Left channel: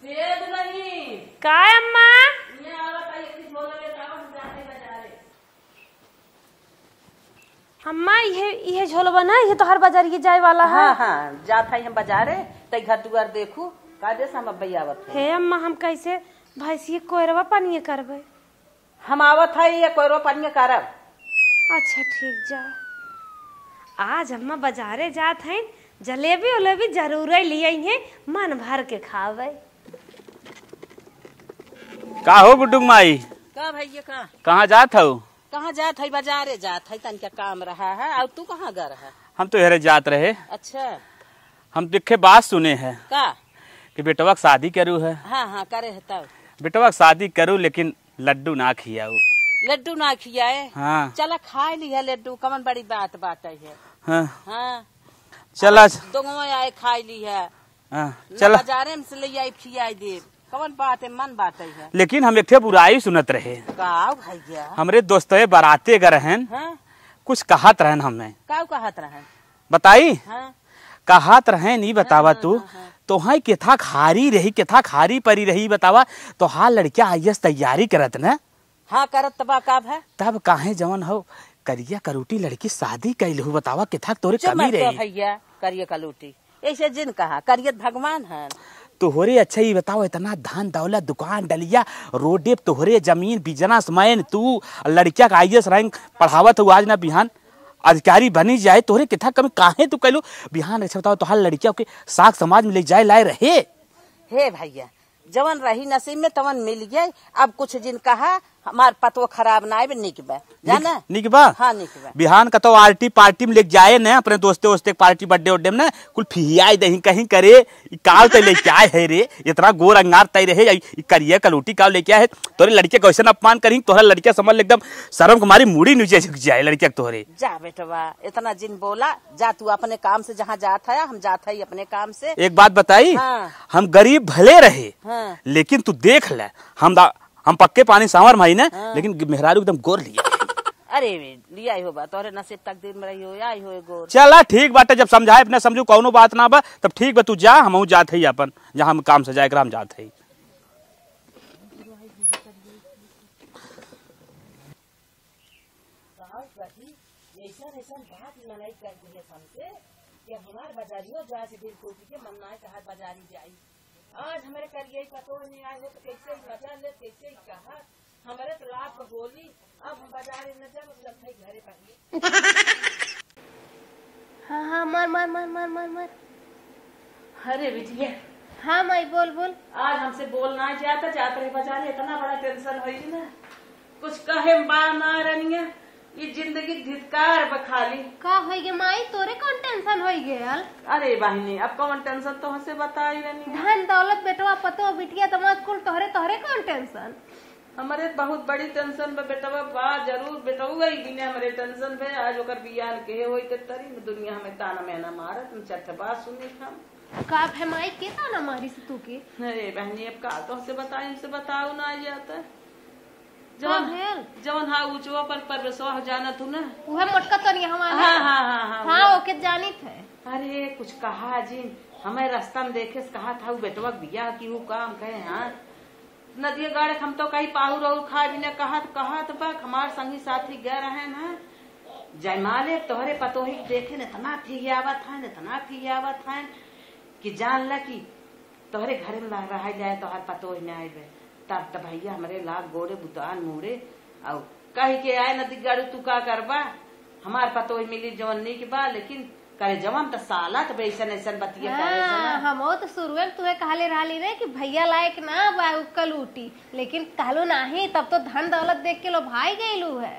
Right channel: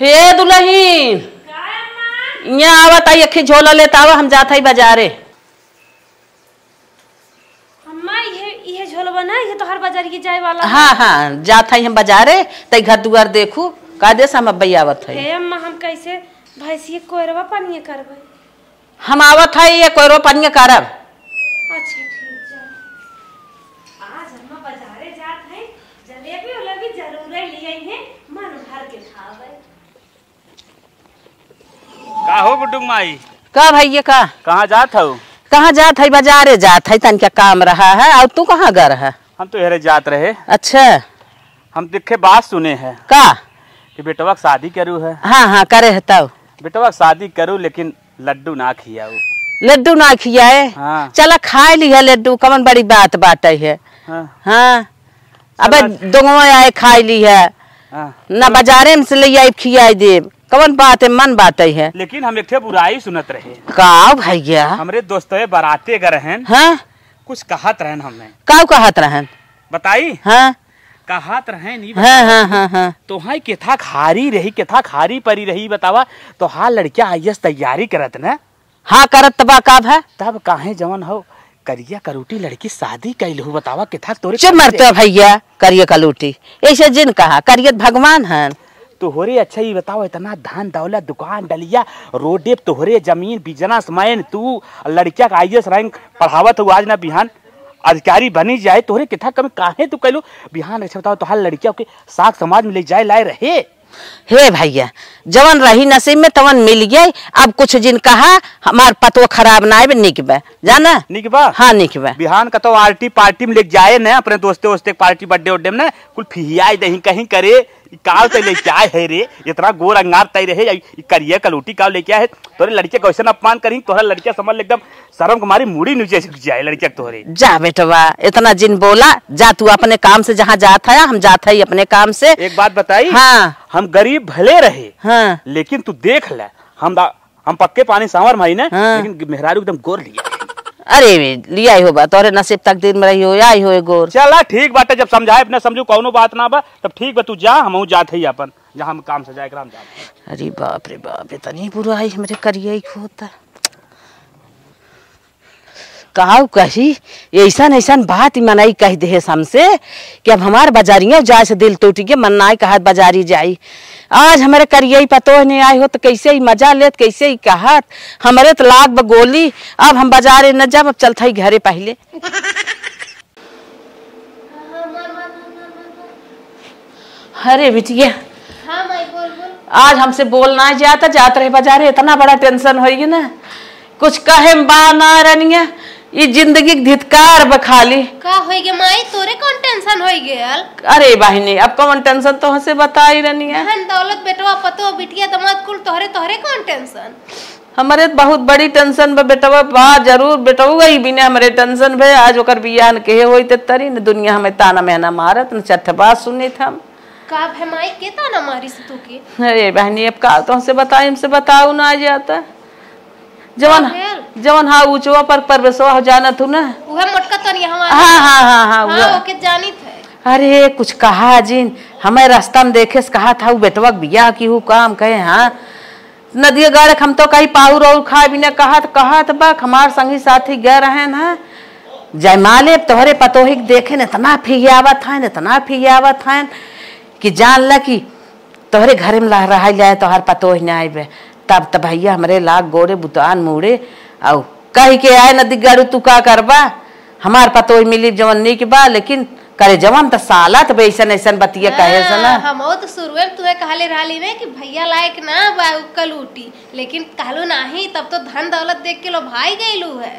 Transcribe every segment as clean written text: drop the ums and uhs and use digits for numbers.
हे दुल्हन का अम्मा यहाँ आवत आई अखी झोला लेता आवा हम जात हई बाजारे। अम्मा ये झोलवा ना ये तो हर बाजार की जाए वाला। हाँ हाँ जात हई हम बाजारे तई घर दुआर देखू का देस हम अब्बई आवत हई। हे अम्मा हम कैसे भैंसी कोयरवा पानी करबे? हम आवत हई ये कोयरो पानी करब। अच्छा ठीक जा। आज अम्मा बाजारे जात हैं जलेबी उलेबी जरूर लिए हैं मन भर के खावे। का हो गुड्डू माई? का भैया का कहाँ जात हो? कहाँ जात है? बाजारे जात है तन क्या काम रहा है। और तू कहाँ गए है? हम तो यही जात रहे। अच्छा हम देखे बात सुने हैं का कि बेटवा की शादी करू है। हाँ हाँ करे है तब बेटवा की शादी करू लेकिन लड्डू ना खियाऊ। लड्डू ना खियाए? हाँ। चला खाए लिया लड्डू कमन बड़ी बात बाटे है। हाँ। हाँ अबे दोनों आए खाई ली है हाँ। ना बाजारे में से ले आई खियाई दे कवन बात है मन बात है। लेकिन हम एक बुराई सुनत रहे। का भैया? हमरे दोस्तों बाराती अगर रहन हाँ कुछ कहत रहन हमें। का कहत रहन? बताई। हाँ कहत रहे नहीं हाँ हाँ बतावा। हाँ हाँ तो हाई केथा खारी रही केथा खारी परी रही बतावा। तो हाँ लड़किया आईएएस तैयारी करत ना। हाँ करत तबा का है तब काहे जवन हो करिया करोटी लड़की शादी कैलहू बतावा केथा तोरे चुप मरते भैया करिए कलूटी ऐसे जिन कहा करियत भगवान है। तोहरे अच्छा ही बताओ इतना धन दौलत दुकान डलिया रोडे तोहरे जमीन बिजना समय तू लड़किया का आईएएस रैंक पढ़ावत हो आज ना बिहान अधिकारी बनी जाए तोहरे कितना कम काहे तू कैलू बिहान अच्छा बताओ तो हर लड़किया के साग समाज में ले जाए लाए रहे। हे भैया जवन रही नसीब में तवन मिल गई। अब कुछ जिन कहा हमार पतो खराब ना है निक बा जाना निक बा। हाँ निक बा बिहान का तो आरती पार्टी में ले जाए ना अपने दोस्ते वोस्ते पार्टी बर्थडे उड्डे में ना कुल फिहियाई दही कहीं करे काव तय लेके आए है रे इतना गोर अंगार तय रहे करिए कलूटी काव लेके आए तोरे लड़के कैसे अपमान करी तोहरा लड़किया समझ एकदम शर्म कुमारी मुड़ी नीचे झुक जाए लड़किया तोहरे। जा बेटवा इतना जिन बोला जा तू अपने काम से जहाँ जात है हम जात है अपने काम से। एक बात बताई। हाँ हम गरीब भले रहे हाँ लेकिन तू देख ले हम पक्के पानी सांवर भाई ना हाँ। लेकिन मेहरारू एकदम गोर लिया। अरे लिया हो बा तोरे नसीब तकदीर में रही हो आई हो गोर। चला ठीक बात है जब समझाए अपना समझू कौनो बात ना बा तब ठीक बा तू जा हम जात है अपन जहाँ हम काम से जाए हम जात है। अरे बाप रे बाप इतनी बुराई हमरे करिए होता कहा कही ऐसा ऐसा बात मनाई कह दे हमसे कि अब हमार बाजारिया जाए से दिल टूट गया मन ना कहा बाजारी जाई। आज हमारे करिए पतो नहीं आए हो तो कैसे ही मजा लेत कैसे ही कहत हमारे तो लाग बगोली अब हम बाजारे न जब अब चलता ही घरे पहले। अरे बिटिया हाँ माई बोल बोल। आज हमसे बोलना जाता जात रहे बाजारे इतना बड़ा टेंशन होगी ना कुछ कहे बा ना रनिया ये जिंदगी धिक्कार बखाली। का होई गे माई तोरे कौन टेंशन होई गेल? अरे बहनी अब कौन टेंशन तो हमसे बता ही रही है। धन दौलत बेटवा पतो बिटिया दमाद कुल तोहरे तोहरे कौन टेंशन? हमारे बहुत बड़ी टेंशन बा बेटवा बा जरूर बेटवा ही बिना हमारे टेंशन भे आज ओकर बियाह के होई ते तरी न दुनिया हमें ताना मेहना मारत न चट्ठ बात सुनी था का है माई के ताना मारी से तू के? अरे बहनी अब का तो हमसे बताई हमसे बताऊ ना आ जाता जवन हाँ ऊंचवा पर परवेशवा हो जाना तू ना उहे मोटका तनी हमारा। हाँ हाँ हाँ हाँ हाँ ओके जानी थे। अरे कुछ कहा जिन हमें रास्ता में देखे से कहा था बेटवा बियाह की हूँ काम कहे हाँ नदिया गाड़क हम तो कहीं पाहुर और खा भी न कहा बक हमार संगी साथी गए रहे ना जयमाले तोहरे पतोही देखे न इतना फियावत है इतना फियावत है कि जान ल कि तोहरे घरे में रह जाए तोहर पतोह न आए तब तब भैया हमारे लाग गोड़े बुतान मुड़े और कही के आए नदी गाड़ू तू का करबा हमार पतोह मिली जवन निक बा लेकिन करे जवन त साला त ऐसन ऐसन बतिया कहे से ना हम तो शुरुए में तुम्हें कहले रहली ने कि भैया लायक ना बा कलूटी लेकिन कहलू नाही तब तो धन दौलत देख के लो भाई गइलू है।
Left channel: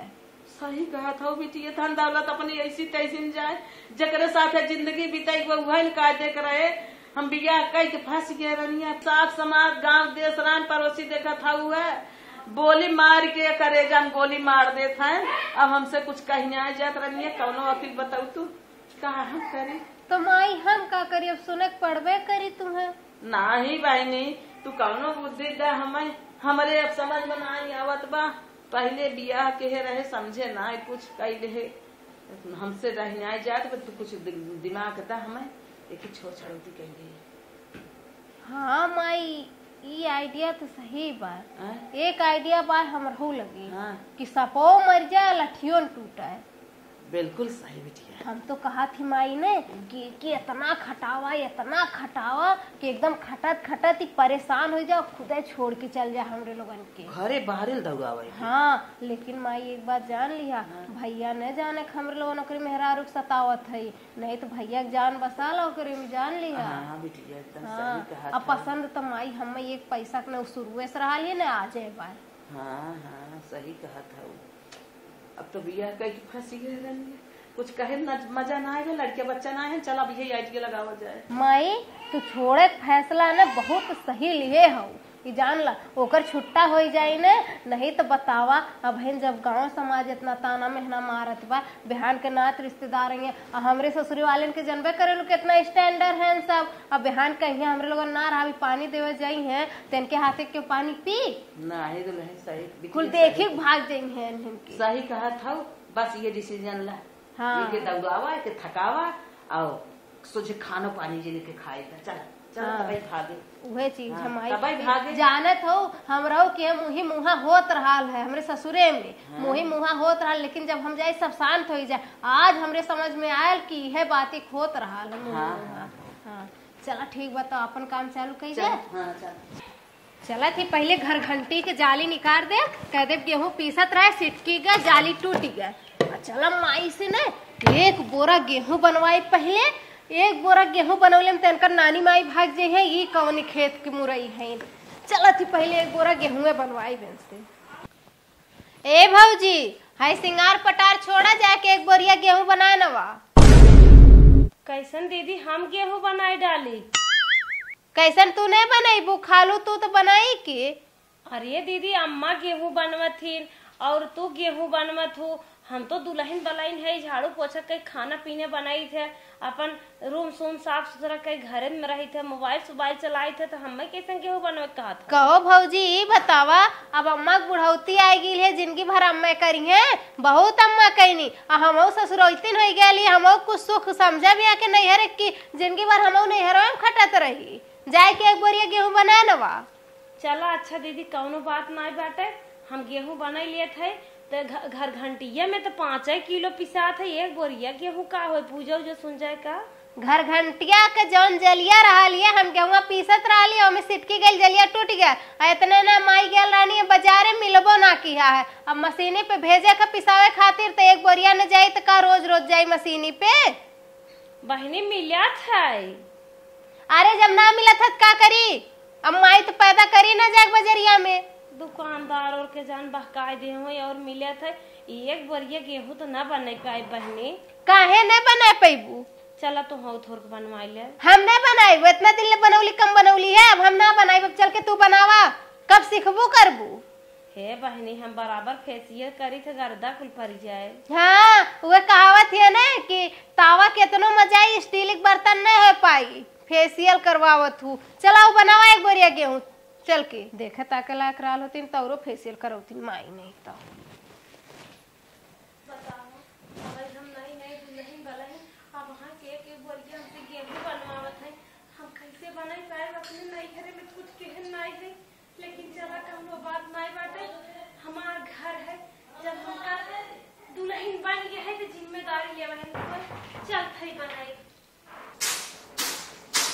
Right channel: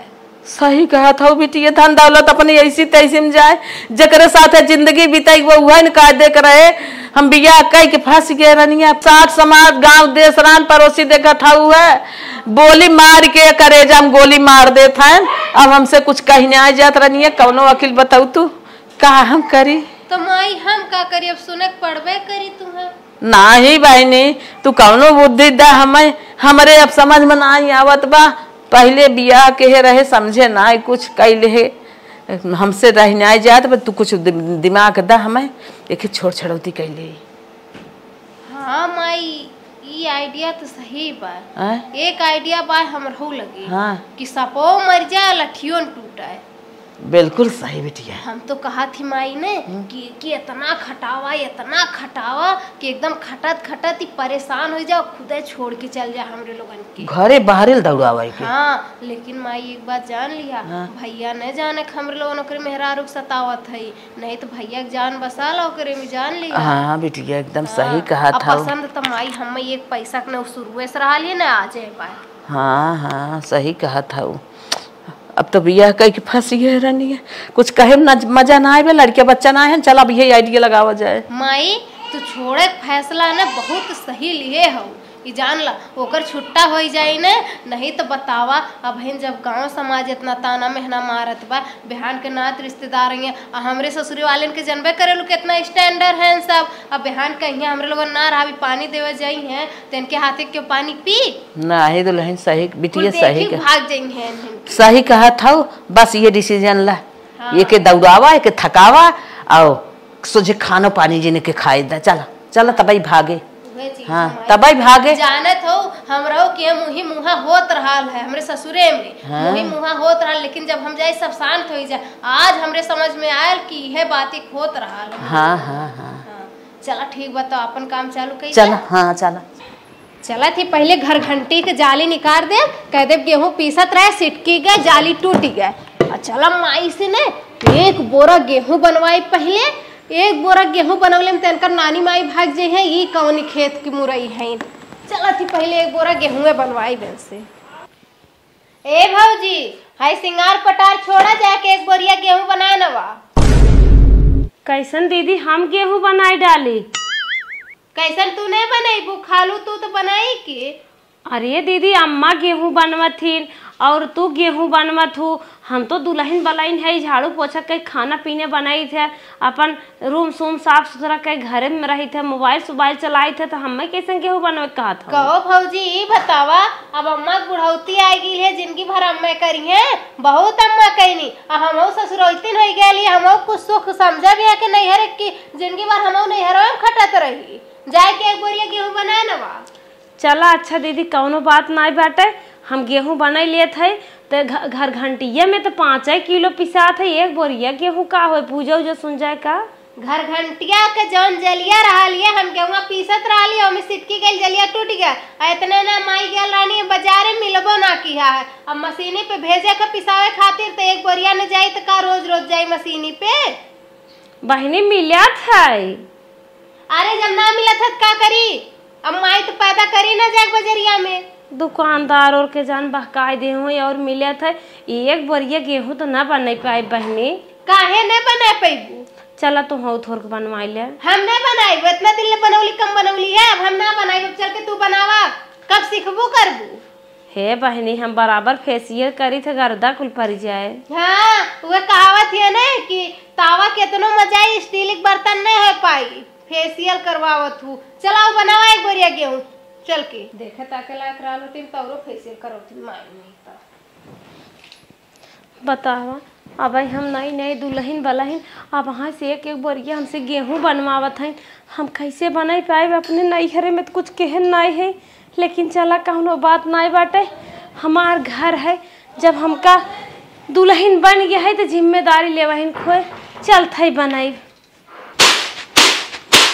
सही कहा था बेटी धन दौलत अपनी ऐसी तैसी में जाए जकरे साथ जिंदगी बिताई वो वह न कह देख रहे हम बिया कह के फंस गए रनिया साठ समाज गांव देश रान पड़ोसी देखा था है बोली मार के करेजा हम गोली मार देता है। अब हमसे कुछ कहने आ जात रनिया कौनो वकील बताऊ तू कहा हम करी तो माई हम का करी अब सुने पड़बे करी तुम्हें ना ही बहनी तू कौनो बुद्धि दा हमें हमरे अब समझ में ना आवत बा पहले बियाह के रहे समझे ना कुछ कैले है हमसे रहना जात तू कुछ दिमाग दा हमें एक छोड़ छड़ौती कैले। हाँ माई आइडिया तो सही बा। आय? एक आइडिया बा हमरहू लगी हाँ कि सपो मर जाए लठियों न टूटाए। बिल्कुल सही बिटिया। हम तो कहा थी माई ने कि इतना खटावा कि एकदम खटत खटत ही परेशान हो जाओ, खुदे छोड़ के चल जाए हमरे लोगन के घरे बाहरे दौड़ावाई के। हाँ लेकिन माई एक बात जान लिया, भैया न जाने हमरे लोगन ओकरे मेहरारू सतावत है, नहीं तो भैया के जान बसा लो ओकरे में, जान लिया। हाँ बिटिया एकदम सही कहा था। पसंद तो माई हम एक पैसा के शुरुए से रहा लिए ना आ जाए बाय। हाँ हाँ सही कहा था। अब तो बिया कह के फंसी है रहनी है, कुछ कहे न मजा ना आए, लड़के बच्चा ना है, चल अब यही आइडिया लगावा जाए। माई तू छोड़े फैसला ना बहुत सही लिए हो, ये जान ला ओकर छुट्टा हो जाए न, नहीं तो बतावा अब जब गांव समाज इतना ताना मेहना मारत बा, बिहान के नात रिश्तेदार हैं, हमरे ससुरी वाले के जनबे करे लोग कितना स्टैंडर्ड हैं सब। अब बिहान कहीं हमरे लोग ना रहा पानी देवे जाई हैं तो इनके हाथे के पानी पी ना ही दुल्हन सही बिटिया सही भाग जाई हैं। सही कहा था। बस ये डिसीजन ला, ये के दौड़ावा ये के थकावा और सोचे खानो पानी जिन्हें के खाए दा, चला चला तब भागे। हाँ तब भागे। जानत हो हमरो के मुहा होत रहा है हमरे ससुरे में, हाँ? मुहा होत रहा, लेकिन जब हम जाए सब शांत हो जाए, आज हमरे समझ में आयल कि यह बातें होत रहा है। हाँ हाँ हाँ चला ठीक बताओ अपन काम चालू कई। चला हाँ चला चला थी पहले घर घंटी के जाली निकाल दे, कह दे गेहूं पीसत रहे सिटकी गए जाली टूट गए। चला माई से ने एक बोरा गेहूं बनवाई, पहले एक बोरा गेहूं बनवले में तनकर नानी माई भाग जे है, ये कौन खेत की मुरई है। चला थी पहले एक बोरा गेहूं बनवाई बन से। ए भौजी हाय सिंगार पटार छोड़ा जाके एक बोरिया गेहूं बनाए नवा। कैसन दीदी हम गेहूं बनाई डाली? कैसन तू नहीं बनाई बू, खालू तू तो बनाई की। अरे दीदी अम्मा गेहूं बनवत थी और तू गेहूं बनवत हूँ, हम तो दुल्हन बलाइन है, झाड़ू पोछा के खाना पीने बनाई थे, अपन रूम सूम साफ सुथरा के घरे में रही थे, मोबाइल चलाई थे, तो हमें कैसे गेहूं बनवे कहा था। कहो भौजी बतावा, अब अम्मा बुढ़ौती आई गई है, जिंदगी भर अम्मा करी है, बहुत अम्मा करी, हम ससुरौतीन हो गई, हम कुछ सुख समझा भी है कि नैहर की जिंदगी भर हम नैहर में खटत रही, जाए के एक बोरिया गेहूं बना नवा। चला अच्छा दीदी कौनो बात ना बाटे, हम गेहूं बना लिए थे तो घर घंटिया में तो 5 किलो पिसा थे, एक बोरिया गेहूं का हो पूजा उजा सुन जाए का। घर घंटिया के जौन जलिया रहा लिया हम गेहूं पीसत रहा लिया, हमें सिटकी गई जलिया टूट गया, इतने ना माई गल रानी बाजारे मिलबो ना किया है, अब मशीनी पे भेजे के पिसावे खातिर तो एक बोरिया न जाई तो का रोज रोज जाई मशीनी पे। बहनी मिला था। अरे जब ना मिला था क्या करी, अब माई तो पैदा करी ना जाए बजरिया में, दुकानदार और के जान बहकाए दे हुए और मिले थे, एक बोरिया गेहूं तो ना बना पाए बहनी। काहे न बना पाइबू? चला तो हो थोड़ के बनवाई ले। हम ना बनाई, इतना दिन ले बनौली कम बनौली है, अब हम ना बनाई, चल के तू बनावा, कब सीखबू करबू। हे बहनी हम बराबर फेसियल करी थे, गर्दा कुल पड़ जाए। हाँ वो कहावत है ना कि तावा केतनो मजाई स्टील बर्तन में है पाई, फेसियल करवावत हूँ। चलाओ बनावा एक बोरिया गेहूं, चल के देखा ताकला कराल होती तौरो फेसियल करौती माई नहीं तो बतावा। अब हम नई दुल्हन बलहन, अब वहाँ से एक बोरिया हमसे गेहूं बनवावत हैं, हम कैसे बना पाए अपने नैहरे में तो कुछ कहन नहीं है, लेकिन चला कौनो बात नहीं बाटे, हमार घर है, जब हमका दुल्हन बन गया है तो जिम्मेदारी लेवहिन खोए चलत है बनाई।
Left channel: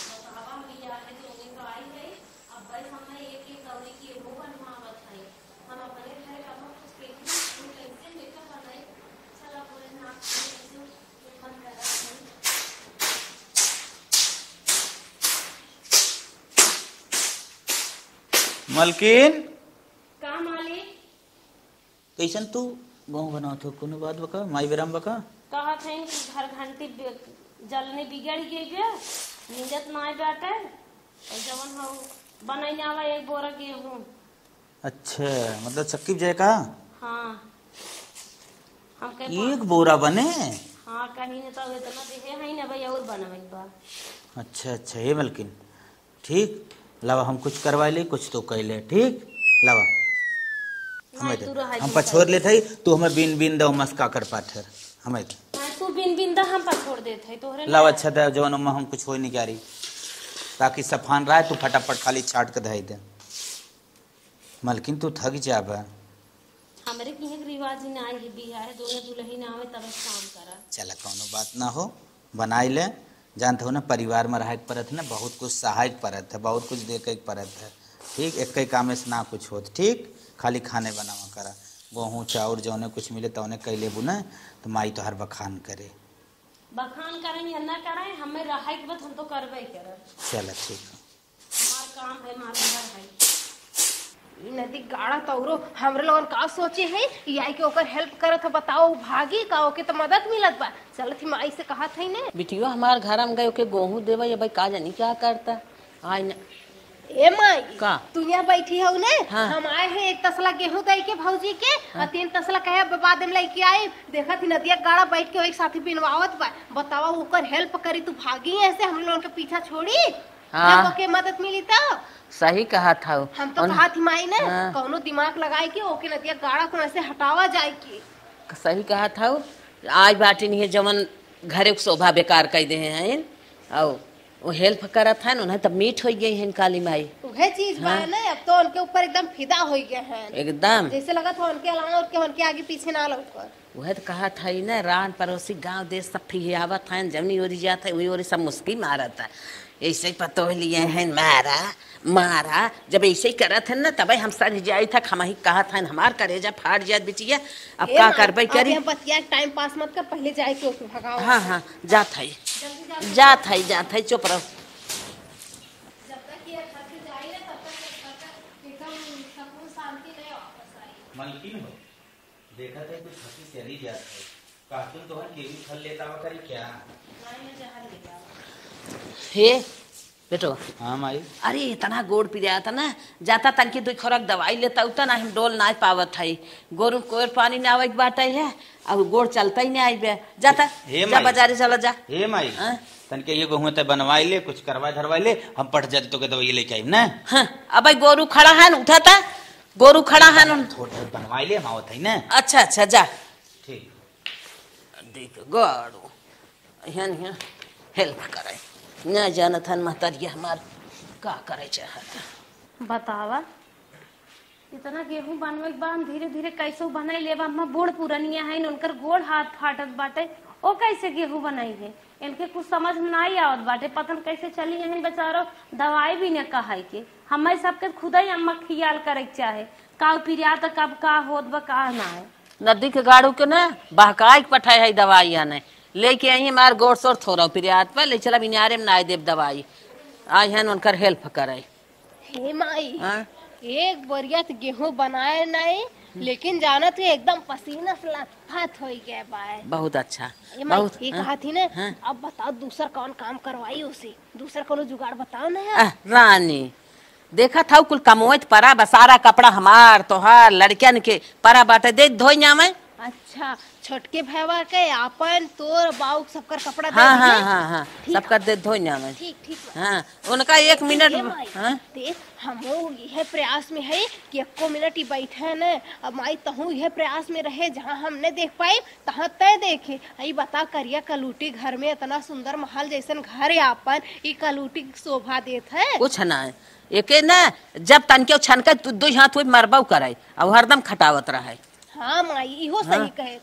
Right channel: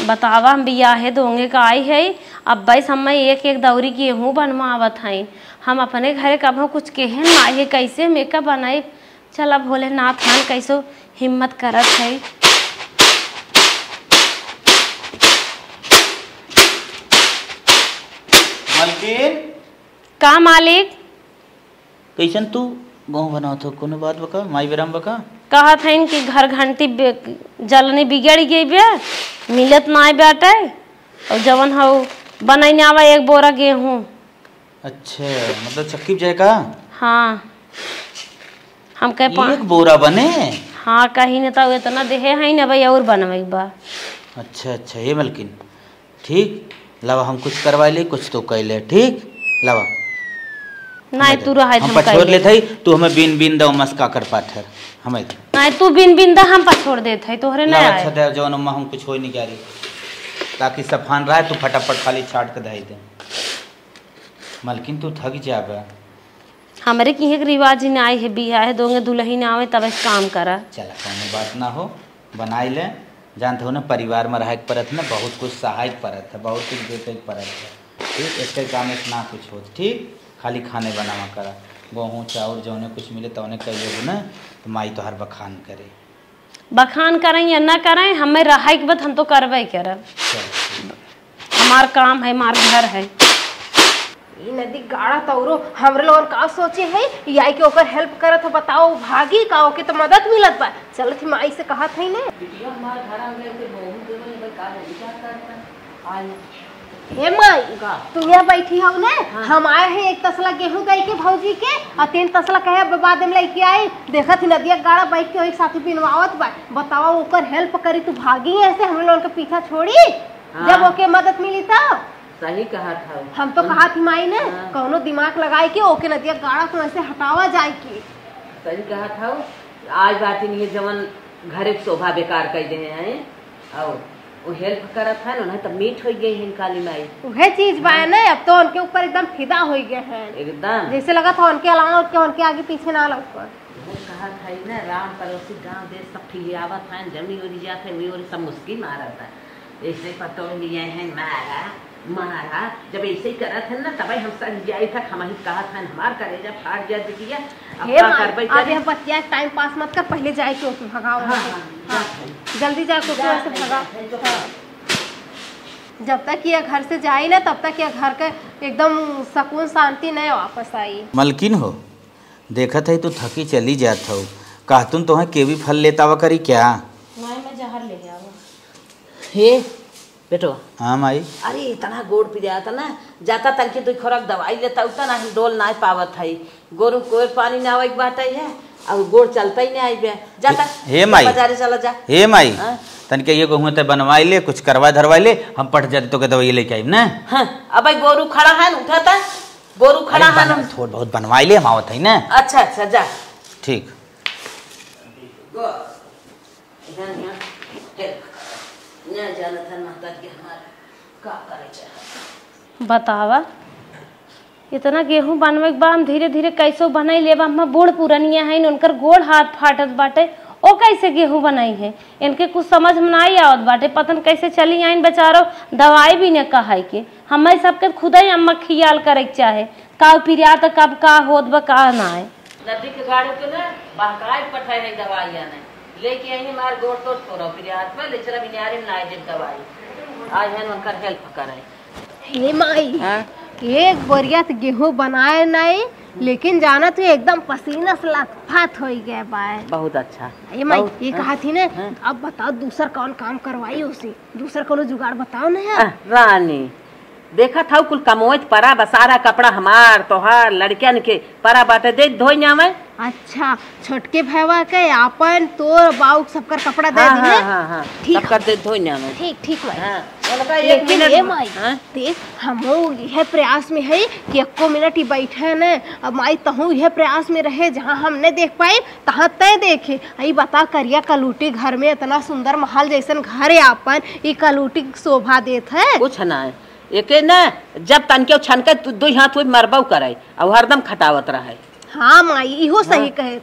बतावा हम बियाहे दोंगे का आई है, अब बस हम एक दौरी गेहूं बनवावत हैं, हम अपने घरे कब कुछ कहन नहीं है, कैसे मेकअप बनाई। चला भोलेनाथ खान कैसो हिम्मत करत है। मालकिन का मालिक कैसन तू गेहूं बनाओ तो कोनो बात बका, माई बेराम बका कहा था कि घर घंटी जलनी बिगड़ गई बे, मिलत ना बाटे, और जवन हो बनाई आवा एक बोरा गेहूं। अच्छा मतलब चक्की जाए का। हाँ हम कह एक बोरा बने। हाँ कहीं न तो इतना देहे है न भाई और बनवाई बा। अच्छा अच्छा ये मालकिन ठीक लवा, हम कुछ करवाई ले कुछ तो कैले, ठीक लवा नहीं तू रहा हम पछोड़ ले थई, तू हमें बिन बिन दो मस्का कर पाथर हमें नहीं तू बिन बिन दा हम पछोड़ देत है तोहरे ना। ना अच्छा दे जवन हम कुछ होई नहीं क्यारी, ताकि सफान रहे तू फटाफट खाली छाट के धई दे। मलकिन तू थक जाबा। हमारे की एक रिवाज ना आए है बियाह है दोगे दुल्हन आवे तब ऐसे काम करा। चला कौनो बात ना हो, बनाई ले। जानते हो ना परिवार में रह परत ना बहुत कुछ सहायक परत है, बहुत कुछ देखे परत है। ठीक, एक काम से ना कुछ होत। ठीक, खाली खाने बनावा करा। गेहूँ चाउर जौने कुछ मिले तौने कैले हो ना, तो माई तो हर बखान करे। बखान करें या ना करें, हमें रहा के बाद हम तो करबे करब। हमार काम है, हमार घर है। ई नदी गाड़ा तौरो हमरे लोगन का सोचे है याई के ओकर हेल्प करत हो। बताओ भागी का ओके तो मदद मिलत बा। चलत माई से कहा था ने बिटिया हमार घर में गए के गेहूं देवे भाई का जानी क्या करता आय ना। हे माई का तू यहाँ बैठी हो ने? हाँ। हम आए हैं एक तसला गेहूं दे के भौजी के और 3 तसला कहे बाद में लेके आई। देखत नदिया गाड़ा बैठ के एक साथी बिनवावत बा। बताओ ओकर हेल्प करी तू भागी ऐसे हम लोगन के पीछा छोड़ी जब ओके मदद मिली तो। सही कहा था हम तो कहा थी माई ने कौनो दिमाग लगाए के ओके नदिया गाड़ा को ऐसे हटावा जाए के। सही कहा था आज बाटी नहीं जवन घरे को शोभा बेकार कर दे हैं और वो हेल्प करत है ना तब मीठ हो गई है काली माई। वह चीज बा ना अब तो उनके ऊपर एकदम फिदा हो गए हैं एकदम जैसे लगा था उनके अलावा उनके आगे पीछे ना लगा। वह कहा था ना रान पड़ोसी गांव देश सब फियावत है जमनी हो जाता है वही और सब मुश्किल मारता है ऐसे पतो लिए हैं मारा जब ऐसे ही करत है ना तब हम सर जाए था हम ही कहा था हमार करेजा फाट जाए बिटिया अब क्या कर पाई अब यह बतिया टाइम पास मत कर पहले जाए के ओके भगाओ। हां जात है जल्दी जात है चुप। जब तक ये घर से जाए ना तब तक ये घर के एकदम सुकून शांति नहीं वापस आई। मलकिन हो देखत है तू थकी चली जात हो कहतुन तो है केवी फल लेता हुआ करी क्या? मैं जहर ले गया हे बेटो। हाँ माई। अरे इतना गोड़ पिराया था ना जाता तनकी तो खोराक दवाई लेता उतना ही डोल ना पावत है गोरू कोर पानी ना आवे बात है और गोड़ चलता ही नहीं आई बे जाता हे माई बाजारे चला जा। हे माई तन के ये कहूँ तो बनवाई ले कुछ करवा धरवाई ले हम पट जाते तो के दवाई लेके आई ना। हाँ अब भाई गोरू खड़ा है उठाता गोरू खड़ा है थोड़ा बहुत बनवाई ले हम आवत है ना। अच्छा जा ठीक गोड़ यहाँ हेल्प कर न जानत हन महतारी हमार का करे चाह बतावा इतना गेहूं बनवे के बा हम धीरे धीरे कैसे बनाई लेबा। हम बूढ़ पुरनिया है उनकर गोड़ हाथ फाटत बाटे ओ कैसे गेहूं बनाई है इनके कुछ समझ में नहीं आवत बाटे पतन कैसे चली आइन बेचारो दवाई भी न कहाई के हमें सबके खुद ही अम्मा खियाल करे के चाहे का पिरिया तो कब का होत बा का ना है। नदी के गाड़ू के ना बहकाई पठाई है दवाई आने लेके आई मार गोड़ सोर थोड़ा पिरियात पर ले चला बिनारे में नाई देव दवाई आज है उनकर हेल्प करे। हे माई एक बोरिया तो गेहूं बनाए नहीं लेकिन जाना तो एकदम पसीना से लथपथ हो गया बाय। बहुत अच्छा ये माई ये कहा थी ना अब बताओ दूसरा कौन काम करवाई उसे दूसरा कोनो जुगाड़ बताओ ना यार। रानी देखा था कुल कमोत परा बसारा कपड़ा हमार तोहार लड़कियन के परा बाटे दे धोई ना मैं। अच्छा छोटके भैया के आपन तोर बाऊ सबकर कपड़ा दे दे। हां सबकर दे धोई ना मैं। ठीक भाई। हां उनका 1 मिनट ये माई देख हमो यह प्रयास में है कि एको मिनट ही बैठे न अब माई तहु यह प्रयास में रहे जहाँ हम नहीं देख पाए तहाँ तय देखे। आई बता करिया कलूटी घर में इतना सुंदर महल जैसन घर है आपन ये कलूटी शोभा देत है कुछ ना है एके ना जब तनके छनके तू दो हाथ हुए मरबौ करे और हरदम खटावत रहे। हाँ माई इहो सही कहे।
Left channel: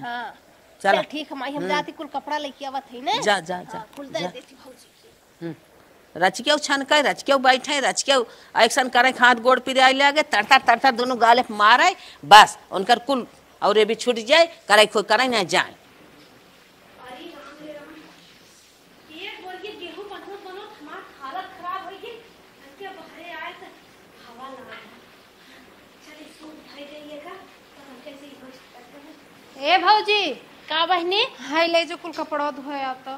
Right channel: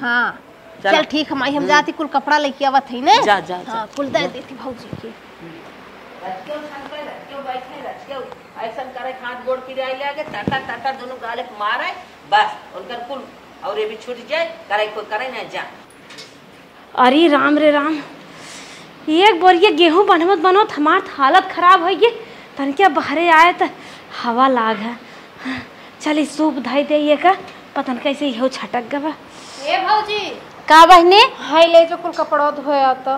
हाँ चल ठीक है माई हम जाती कुल कपड़ा लेके आवत है ना। जा कुल दे देती भौजी के। रचके छनके रचके बैठे रचके एक्शन करे हाथ गोड़ पिराई लगे तरतर दोनों गाले मारे बस उनकर कुल और ये भी छूट जाए करे खुद करे ना जा। अरे राम रे राम एक बोरिया गेहूं बनवत हमार हालत खराब हो गई तनके बाहरे आए तो हवा लाग है। चल सूप धाई दे का पतन कैसे हो छटक गवा। ए भौजी का बहने हाय ले जो कुल कपड़ा धोया तो।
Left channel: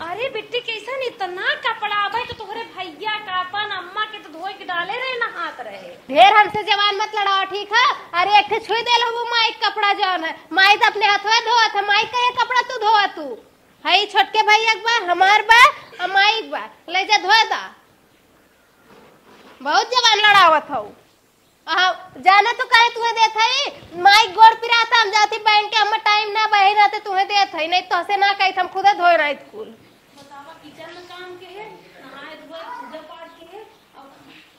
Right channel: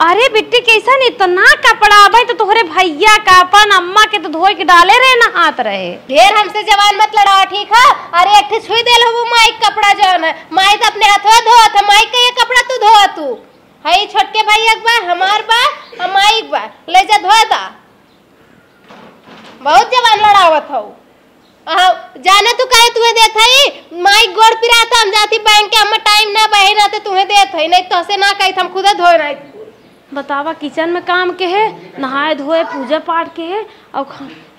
अरे बिट्टी कैसा नहीं तो ना कपड़ा भाई तो तोहरे भैया का अपन अम्मा के तो धोए के डाले रहे ना हाथ रहे। ढेर हमसे जवान मत लड़ाओ ठीक है। अरे एक छुई दे लो माई कपड़ा जौन है माई तो अपने हाथ धोआ था माई का ये कपड़ा तू धोआ तू हई छोटके भैया बा हमार बा हमाई बा ले जा धोआ दा बहुत जवान लड़ावत हो। जाने तू कहे तुम्हें देत है माई गोड़ पिराता हम जाती बैंक के हम टाइम ना बहे ना तो तुम्हें देत है नहीं तो से ना कही हम खुद धोए नहीं बतावा किचन में काम के है, नहाए धोए पूजा पाठ के है, और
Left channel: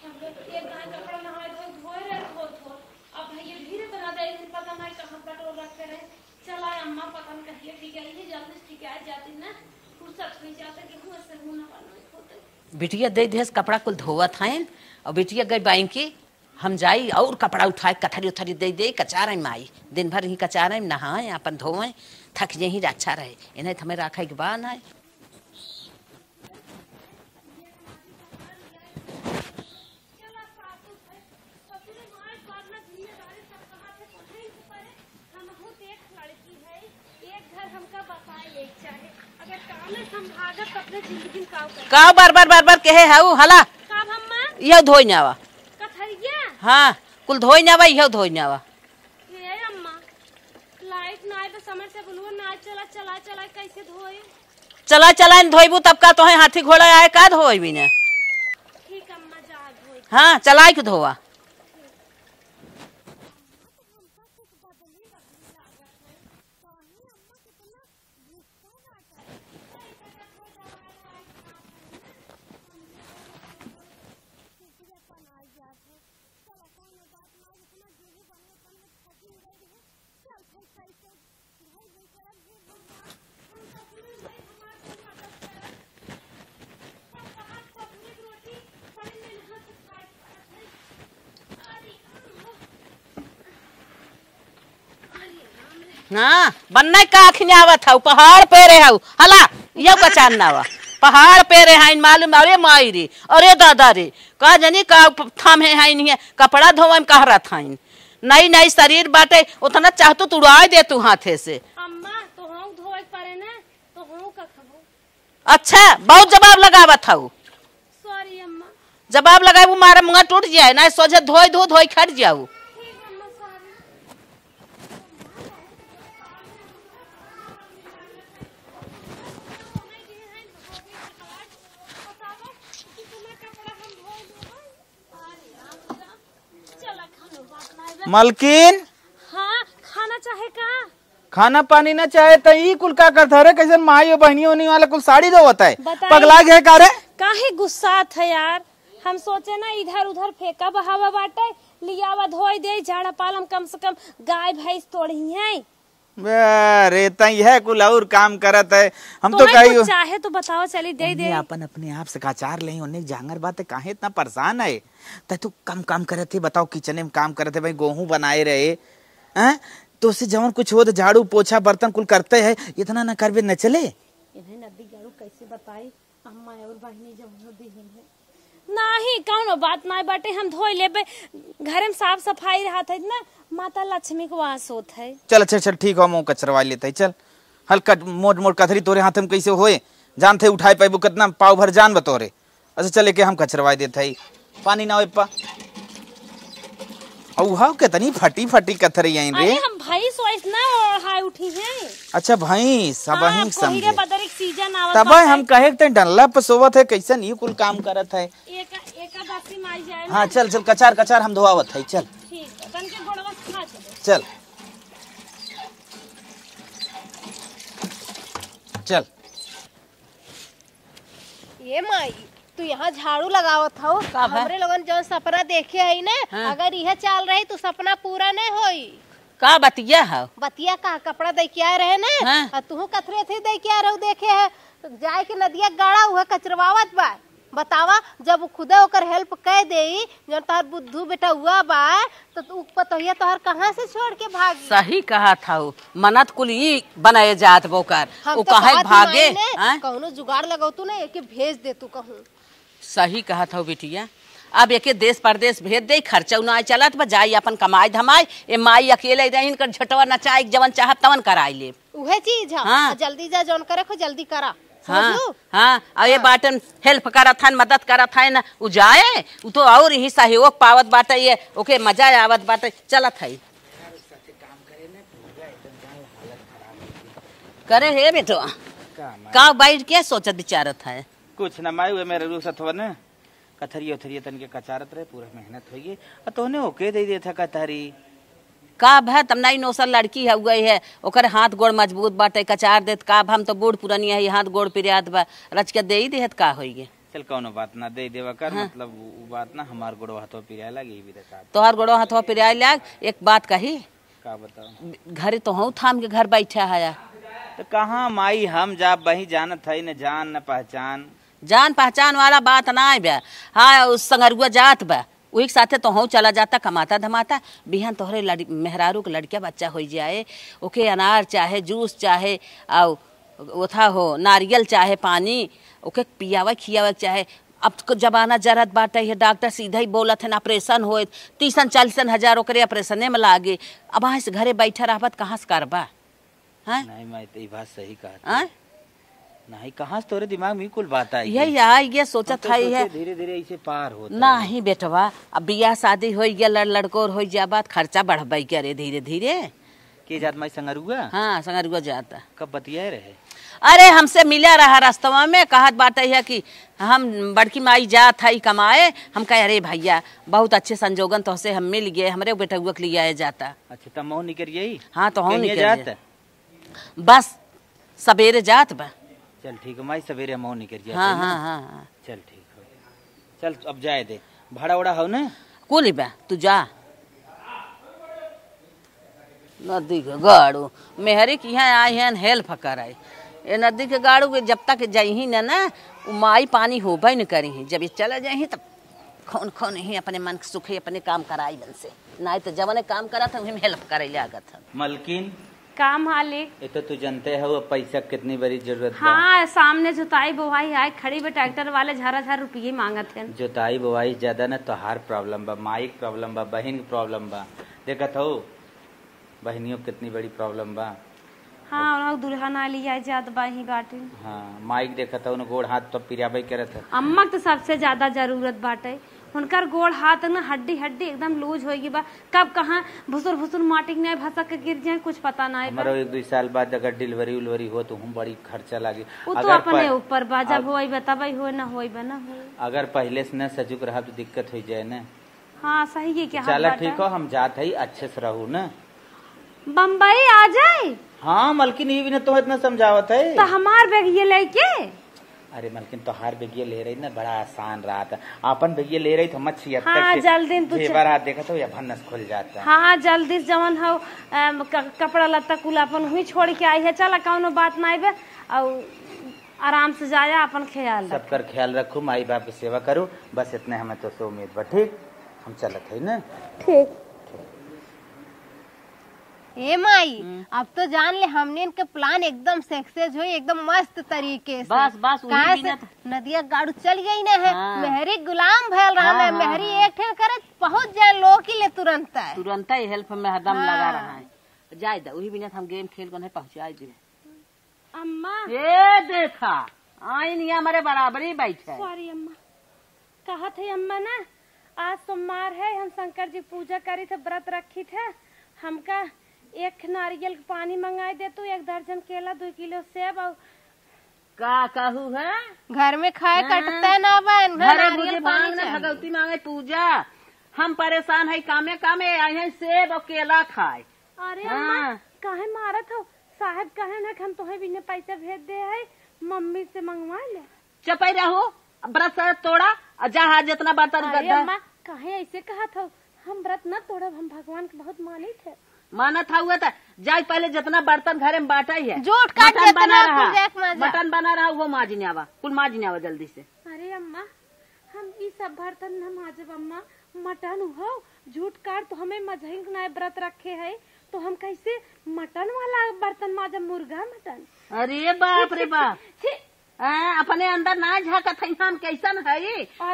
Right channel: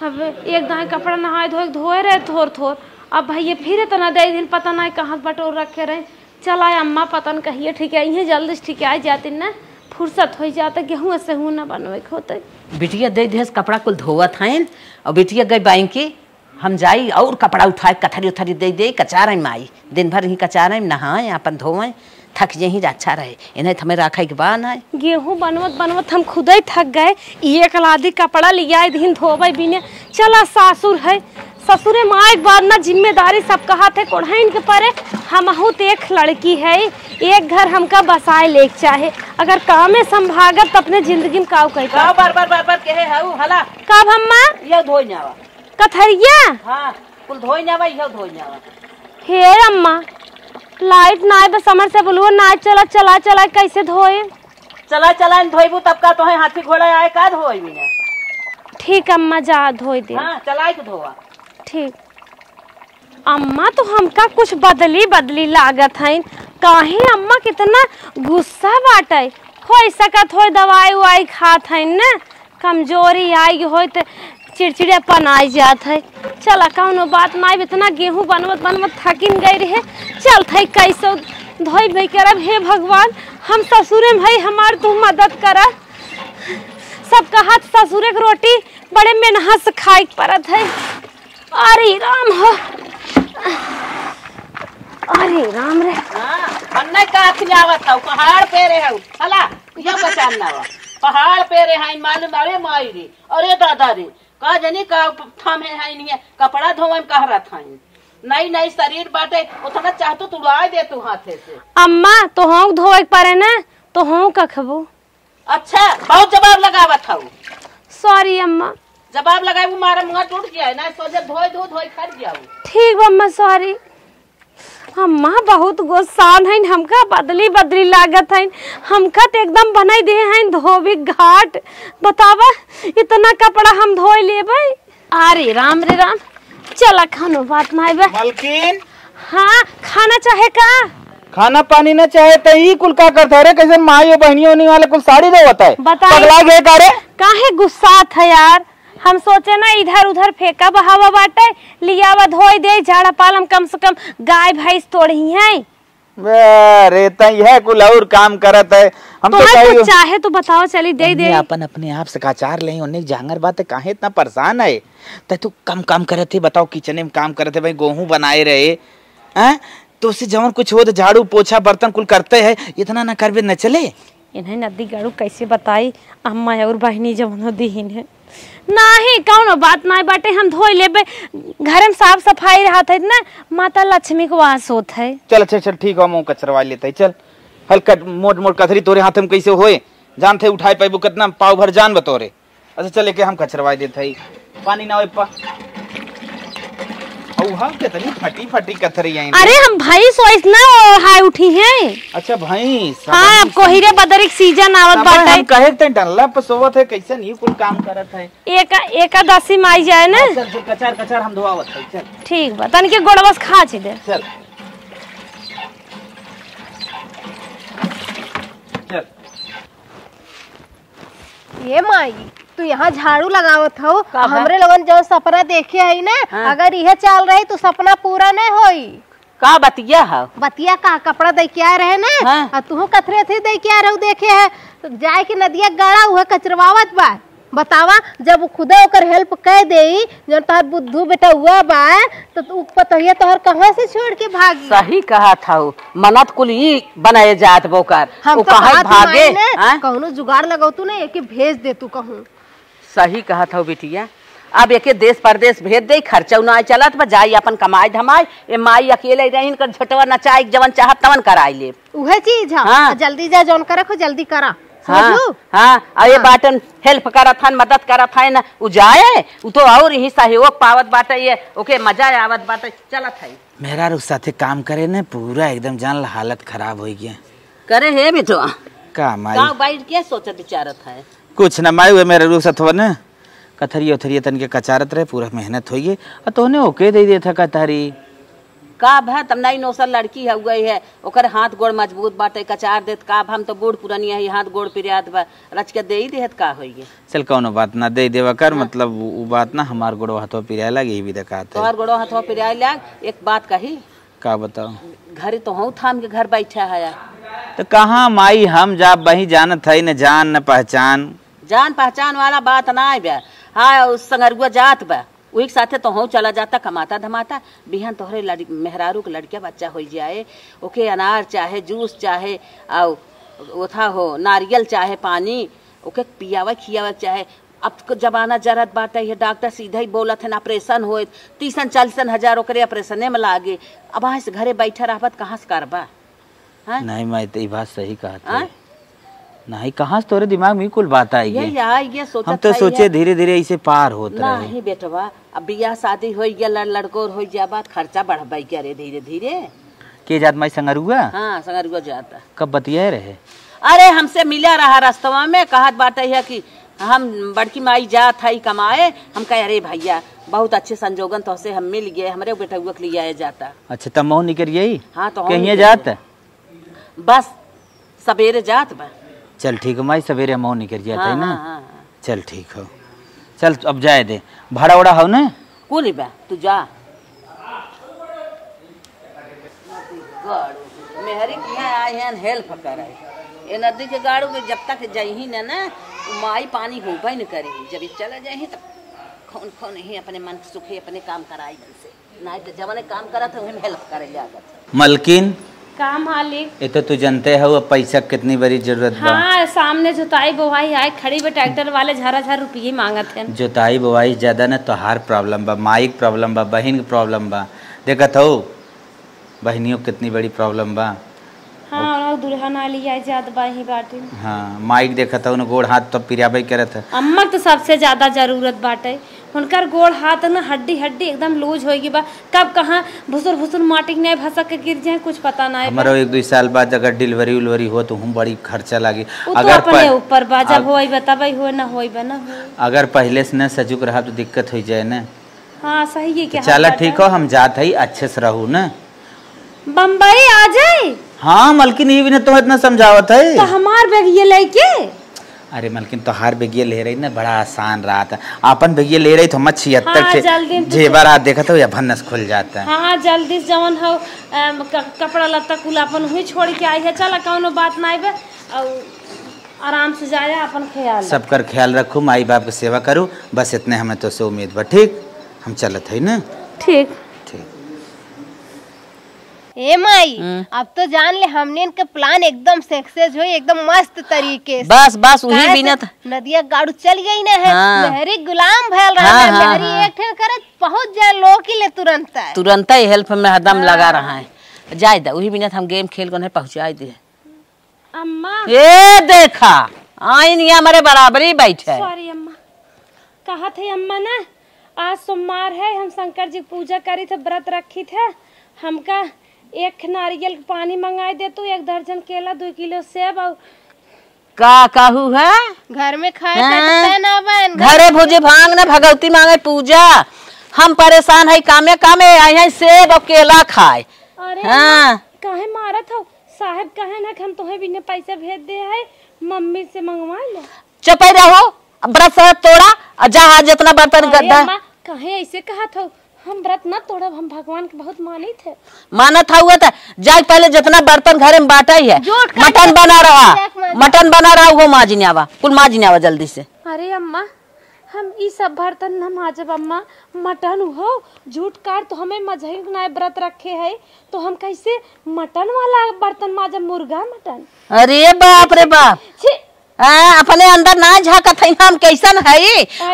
अब एक दाएं कपड़ा नहाए धोए धोए रहे थोर थोर। अब भाई ये फिर इतना दे दिन पता नहीं कहाँ बटोर रखे रहे। चला अम्मा पता नहीं कहिए ठीक है यहीं जल्दी ठीक आ जाती ना, फुर्सत हो जाता गेहूँ से हूँ ना बनवे होते। बिटिया दे दे कपड़ा कुल धोवत हैं और बिटिया गई बैंक की, हम जाई और कपड़ा उठाए कथरी उथरी दे दे कचार माई दिन भर ही कचार नहाए अपन धोए थक यही अच्छा रहे इन्हें हमें रखे के बाद है। गेहूँ बनवत बनवत हम खुद ही थक गए, एक लादी कपड़ा लिया दिन धोबे बिने। चला सासुर है, ससुरे माँ एक बार ना जिम्मेदारी सब कहा थे कोढ़ाइन के परे। हम तो एक लड़की है, एक घर हमका बसाए ले चाहे, अगर काम में संभागत तो अपने जिंदगी में काव कही काव बार बार बार बार कहे है हला कब अम्मा यो धोई नावा कथरिया। हाँ कुल धोई नावा यो धोई नावा। हे अम्मा लाइट ना बस समर से बोलुआ ना चला चला चला कैसे धोए। चला चला धोईबू तब का तो हाथी घोड़ा आए का धोई भी ना। ठीक अम्मा जा धोई दे। हाँ चला के धोवा। ठीक अम्मा तो हमका कुछ बदली बदली लागत है, काहे अम्मा कितना गुस्सा बाटे। हो सकत हो दवाई उवाई खात है न, कमजोरी आई हो तो चिड़चिड़ापन आई जात है। चला कौनो बात ना, इतना गेहूँ बनवत बनवत थकिन गई रहे। चल थे कैसे धोई भाई करब। हे भगवान हम ससुरे भाई हमार तू मदद कर। सब कहा ससुरे की रोटी बड़े मेहनत से खाई पड़त है। अरे राम हो, अरे राम रे। हाँ बनना का खिलावत हूँ पहाड़ पे रहे हूँ हला यो बचाना वा पहाड़ पे रहे हैं मालूम। अरे माई रे अरे दादा रे का जनी का थामे है नहीं कपड़ा धोवे में कह रहा था नई नई शरीर बाटे उतना चाहतू तू उड़ाए दे तू हाथे से। अम्मा तो हम धोवे पड़े ना तो हम कखबो। अच्छा बहुत जवाब लगावत हूँ। सॉरी अम्मा। जवाब लगाए वो मारा मुँह टूट जाए ना सोचे धोई धो धोई खट जाऊ। ठीक अम्मा सॉरी। अम्मा बहुत गुस्सान है, हमका बदली बदली लागत है। हमका तो एकदम बनाई दे हैं धोबी घाट। बतावा इतना कपड़ा हम धोई लेबे। अरे राम रे राम। चला खानो बात ना है मलकिन। हाँ खाना चाहे का खाना पानी न चाहे तो ई कुल का करते रे कैसे माई बहनियों होने वाले कुल साड़ी दो होता है पगला गए करे काहे गुस्सा था यार। हम सोचे ना इधर उधर फेंका बहावा बाटे लिया वा धोई दे झाड़ा पालम कम से कम गाय भैंस तोड़ी है। अरे तई है कुल और काम करत है। हम तो कहीं चाहे तो बताओ चली दे दे अपन अपने आप से काचार ले उन्हें जांगर बात है काहे इतना परेशान है। तू कम काम करे थे बताओ किचन में काम करे थे भाई गेहूं बनाए रहे हैं तो उससे जवन कुछ हो तो झाड़ू पोछा बर्तन कुल करते है इतना न करबे न चले। इन्हें नदी गाड़ू कैसे बताई अम्मा और बहनी जवन दीन है नाही कौनो बात ना बाटे हम धोई लेबे। घर में साफ सफाई रहत है ना माता लक्ष्मी को वास होत है। चल अच्छा चल ठीक है मुंह कचरवा लेते चल हल्का मोट मोट कथरी तोरे हाथ में कैसे होए जान थे उठाए पाइबो कितना पाव भर जान बतोरे। अच्छा चले के हम कचरवाई देते है पानी ना होए पा औहा कितनी फटी फटी कथरी आई। अरे हम भाई सोइस ना हाय उठी है। अच्छा भाई हां अब कोहिरे बदरिक सीजन आवत बाटे हम कहे त डल्ला पर सोवत है कैसा नहीं कुल काम करत है एकादशी में आई जाए ना। चल चल कचार कचार हम धोआवत है चल ठीक बा तन के गोड़बस खा छी दे चल चल। ये माई तू यहाँ झाड़ू लगावत हो हमरे लोगन जो सपना देखे है ना हाँ। अगर यह चल रही तो सपना पूरा नहीं होई। का बतिया है बतिया का कपड़ा दे के आ रहे ना हाँ। तू कथरे थे दे के आ रहे देखे है तो जाए के नदिया गाड़ा हुआ कचरवावत बा। बतावा जब खुदा ओकर हेल्प कर दे जब तोहर बुद्धू बेटा हुआ बा तो तू पतहिया तोहर कहां से छोड़ के भाग। सही कहा था मनत कुल ही बनाए जात बोकर हम तो कहां भागे कहूं जुगाड़ लगाऊ तू ना एके भेज दे तू कहूं। सही कहा था बेटिया अब एक देश परदेश भेज दे खर्चा ना चलत बा जाई अपन कमाई धमाई ए माई अकेले रही कर झटवा नचाई जवन चाहत तवन कराई ले उहे चीज हाँ। जल्दी जा जौन करे खो जल्दी करा हाँ ये बाटन हेल्प करत हन मदद करत है ना उ जाए उ तो और ही सहयोग पावत बाटे ये ओके मजा आवत बाटे चलत है। मेरा रुख साथे काम करे ने पूरा एकदम जान हालत खराब हो गया करे है बेटो का माई का बैठ के सोचत विचारत है कुछ न माई हुए मेरे रूप साथ न कथरी उथरी तन के कचारत रहे पूरा मेहनत होइए और तोने ओके दे दे था कथरी काब है तब नई नौसल लड़की है गई है ओकर हाथ गोड़ मजबूत बाटे कचार देत काब हम तो बूढ़ पुरानिया है हाथ गोड़ पिरियात बा रच के दे ही देत का होई चल कौनो बात ना दे देवा कर मतलब वो बात ना हमार गोड़ो हाथों पिराए लगे भी देखा तोहर गोड़ो हाथवा पिरियाए लाग एक बात कही का बताओ घरे तो हूँ थाम के घर बैठा है तो कहाँ माई हम जा वही जानत है न जान न पहचान जान पहचान वाला बात ना है बा हाँ उस संगरुआ जात बा वही साथे तो हूँ चला जाता कमाता धमाता बिहान तोहरे मेहरारू के लड़किया बच्चा हो जाए ओके अनार चाहे जूस चाहे और उथा हो नारियल चाहे पानी ओके पियावा खियावा चाहे अब तो जमाना जरत बाटे है डॉक्टर सीधा ही बोलत है ऑपरेशन हो 30-40 हजार ओकरे ऑपरेशने में लागे अब वहाँ से घरे बैठा रहबत कहाँ से करबा नहीं मैं तो ये बात सही कहा नहीं कहाँ से तोरे दिमाग में कुल बात आई ये सोचा हम तो सोचे धीरे धीरे इसे पार होता नहीं बेटवा अब बियाह शादी हो गया लड़को हो जा बात खर्चा बढ़ाई क्या रे धीरे धीरे के जात माई संगरुआ हाँ संगरुआ जाता कब बतिया रहे अरे हमसे मिला रहा रास्तवा में कहत बात है कि हम बड़की माई जात है कमाए हम कहे अरे भैया बहुत अच्छे संजोगन तो से हम मिल गए हमारे बेटा के लिए आया जाता अच्छा तब मऊ निकल यही हाँ तो कहीं जात बस सवेरे जात बा चल ठीक है माई सवेरे मऊ निकल जाता है ना हाँ। चल ठीक हो चल अब जाए दे भाड़ा उड़ा हो ना कुल बा तू जा नदी के गाड़ू मेहरी की यहाँ आए हैं हेल्प करे ये नदी के गाड़ू के जब तक जाही ना माई पानी होबा ही न करी जब ये चला जाही तब खौन खौन ही अपने मन के सुखे अपने काम कराई से नहीं तो जब काम करा था उन्हें हेल्प करे लागत मलकिन काम मालिक ये तो तू जानते हो पैसा कितनी बड़ी जरूरत बा हाँ सामने जुताई बोवाई आए खड़ी पे ट्रैक्टर वाले झरा रुपये मांगत है जुताई बुवाई ज्यादा न तोहार प्रॉब्लम बा माई के प्रॉब्लम बा बहन के प्रॉब्लम बा देखत हो बहनियों कितनी बड़ी प्रॉब्लम बा हाँ और दुल्हा ना लिया जात बाही बाटे हाँ माइक देखत हो न गोड़ हाथ तो पिराबई करत है अम्मा तो सबसे ज्यादा जरूरत बाटे उनकर गोड़ हाथ न हड्डी हड्डी एकदम लूज होगी बा कब कहाँ भुसुर भुसुर माटी नहीं भसक के गिर जाए कुछ पता ना है हमारा 1-2 साल बाद अगर डिलीवरी उलवरी हो तो हम बड़ी खर्चा लागी अगर अपने ऊपर बा जब होई बताबई हो ना होई बना हो अगर पहले से न सजुक रहा तो दिक्कत हो जाए ना हाँ सही है क्या चल ठीक हो हम जात है अच्छे से रहू न बम्बई आ जाए हाँ मलकिन ये भी न तो इतना समझावत है तो हमार बैग ये लेके अरे मलकिन तो हार बेगिए ले रही ना बड़ा आसान रहा था अपन बेगिए ले रही तो हम 76 जेबर आ देखा तो या भन्नस खुल जाता है हाँ जल्दी जवन हो कपड़ा लत्ता कुल अपन हुई छोड़ के आई है चला कौनो बात नहीं बे और आराम से जाए अपन ख्याल सबकर ख्याल रखू माई बाप की सेवा करूँ बस इतने हमें तो से उम्मीद बा ठीक हम चलत है ना ठीक ए माई अब तो जान ले हमने इनका प्लान एकदम सक्सेस हुई एकदम मस्त तरीके से बस बस वही बिना नदिया गाड़ू चल गई ना है लहरी गुलाम भैल रहा है लहरी एक ठेर करे पहुंच जाए लोग के लिए तुरंत ही हेल्प में हदम लगा रहा है जाए दा वही बिना हम गेम खेल कर पहुंचा दे अम्मा ये देखा आई नहीं हमारे बराबरी बैठे सॉरी अम्मा कहा थे अम्मा ना आज सोमवार है हम शंकर जी पूजा करी थे व्रत रखी थे हमका 1 नारियल पानी मंगाई दे तू 1 दर्जन केला 2 किलो सेब और का कहू है घर में खाए ना बन घरे भोजे भांग ना भगवती मांगे पूजा हम परेशान है कामे कामे आए हैं सेब और केला खाए अरे हाँ काहे मारत हो साहब कहे ना कि हम तुम्हें बिना पैसे भेज दे है मम्मी से मंगवा ले चुप रहो व्रत सब तोड़ा और जहाँ जितना बर्तन गड्ढा कहे ऐसे कहा था हम व्रत ना तोड़ा हम भगवान के बहुत मानी थे मानत हुआ था जाए पहले जितना बर्तन घरे में बांटा ही है मटन बना रहा वो माजने आवा कुल माजने आवा जल्दी से अरे अम्मा हम ई सब बर्तन न माजब अम्मा मटन हो झूठ काट तो हमें मजही ना व्रत रखे है तो हम कैसे मटन वाला बर्तन माजब मुर्गा मटन अरे बाप रे बाप अपने अंदर ना झाकत है हम कैसन है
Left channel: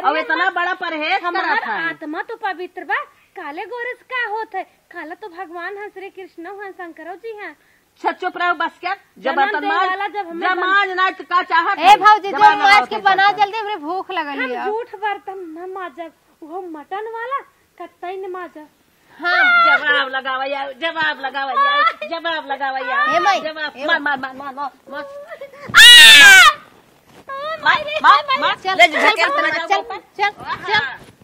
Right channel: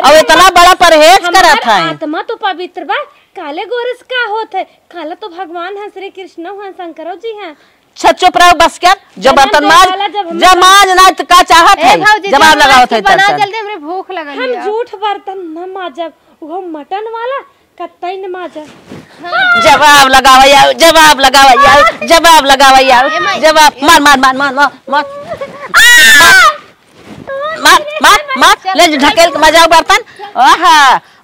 और इतना बड़ा परहेज करत है आत्मा तो पवित्र बा काले गोरस का होत है काला तो भगवान हैं श्री कृष्ण हैं शंकरो जी हैं चुप रहो बस क्या जब बर्तन जब माज ना का चाहत है जवाब लगाओ थे बना जल्दी हमरे भूख लगल हम झूठ बर्तन न माजब वो मटन वाला कतई न माजब जवाब लगावा यार जवाब लगावा यार जवाब मार मार ले ढकेल के मजाओ बर्तन ओहा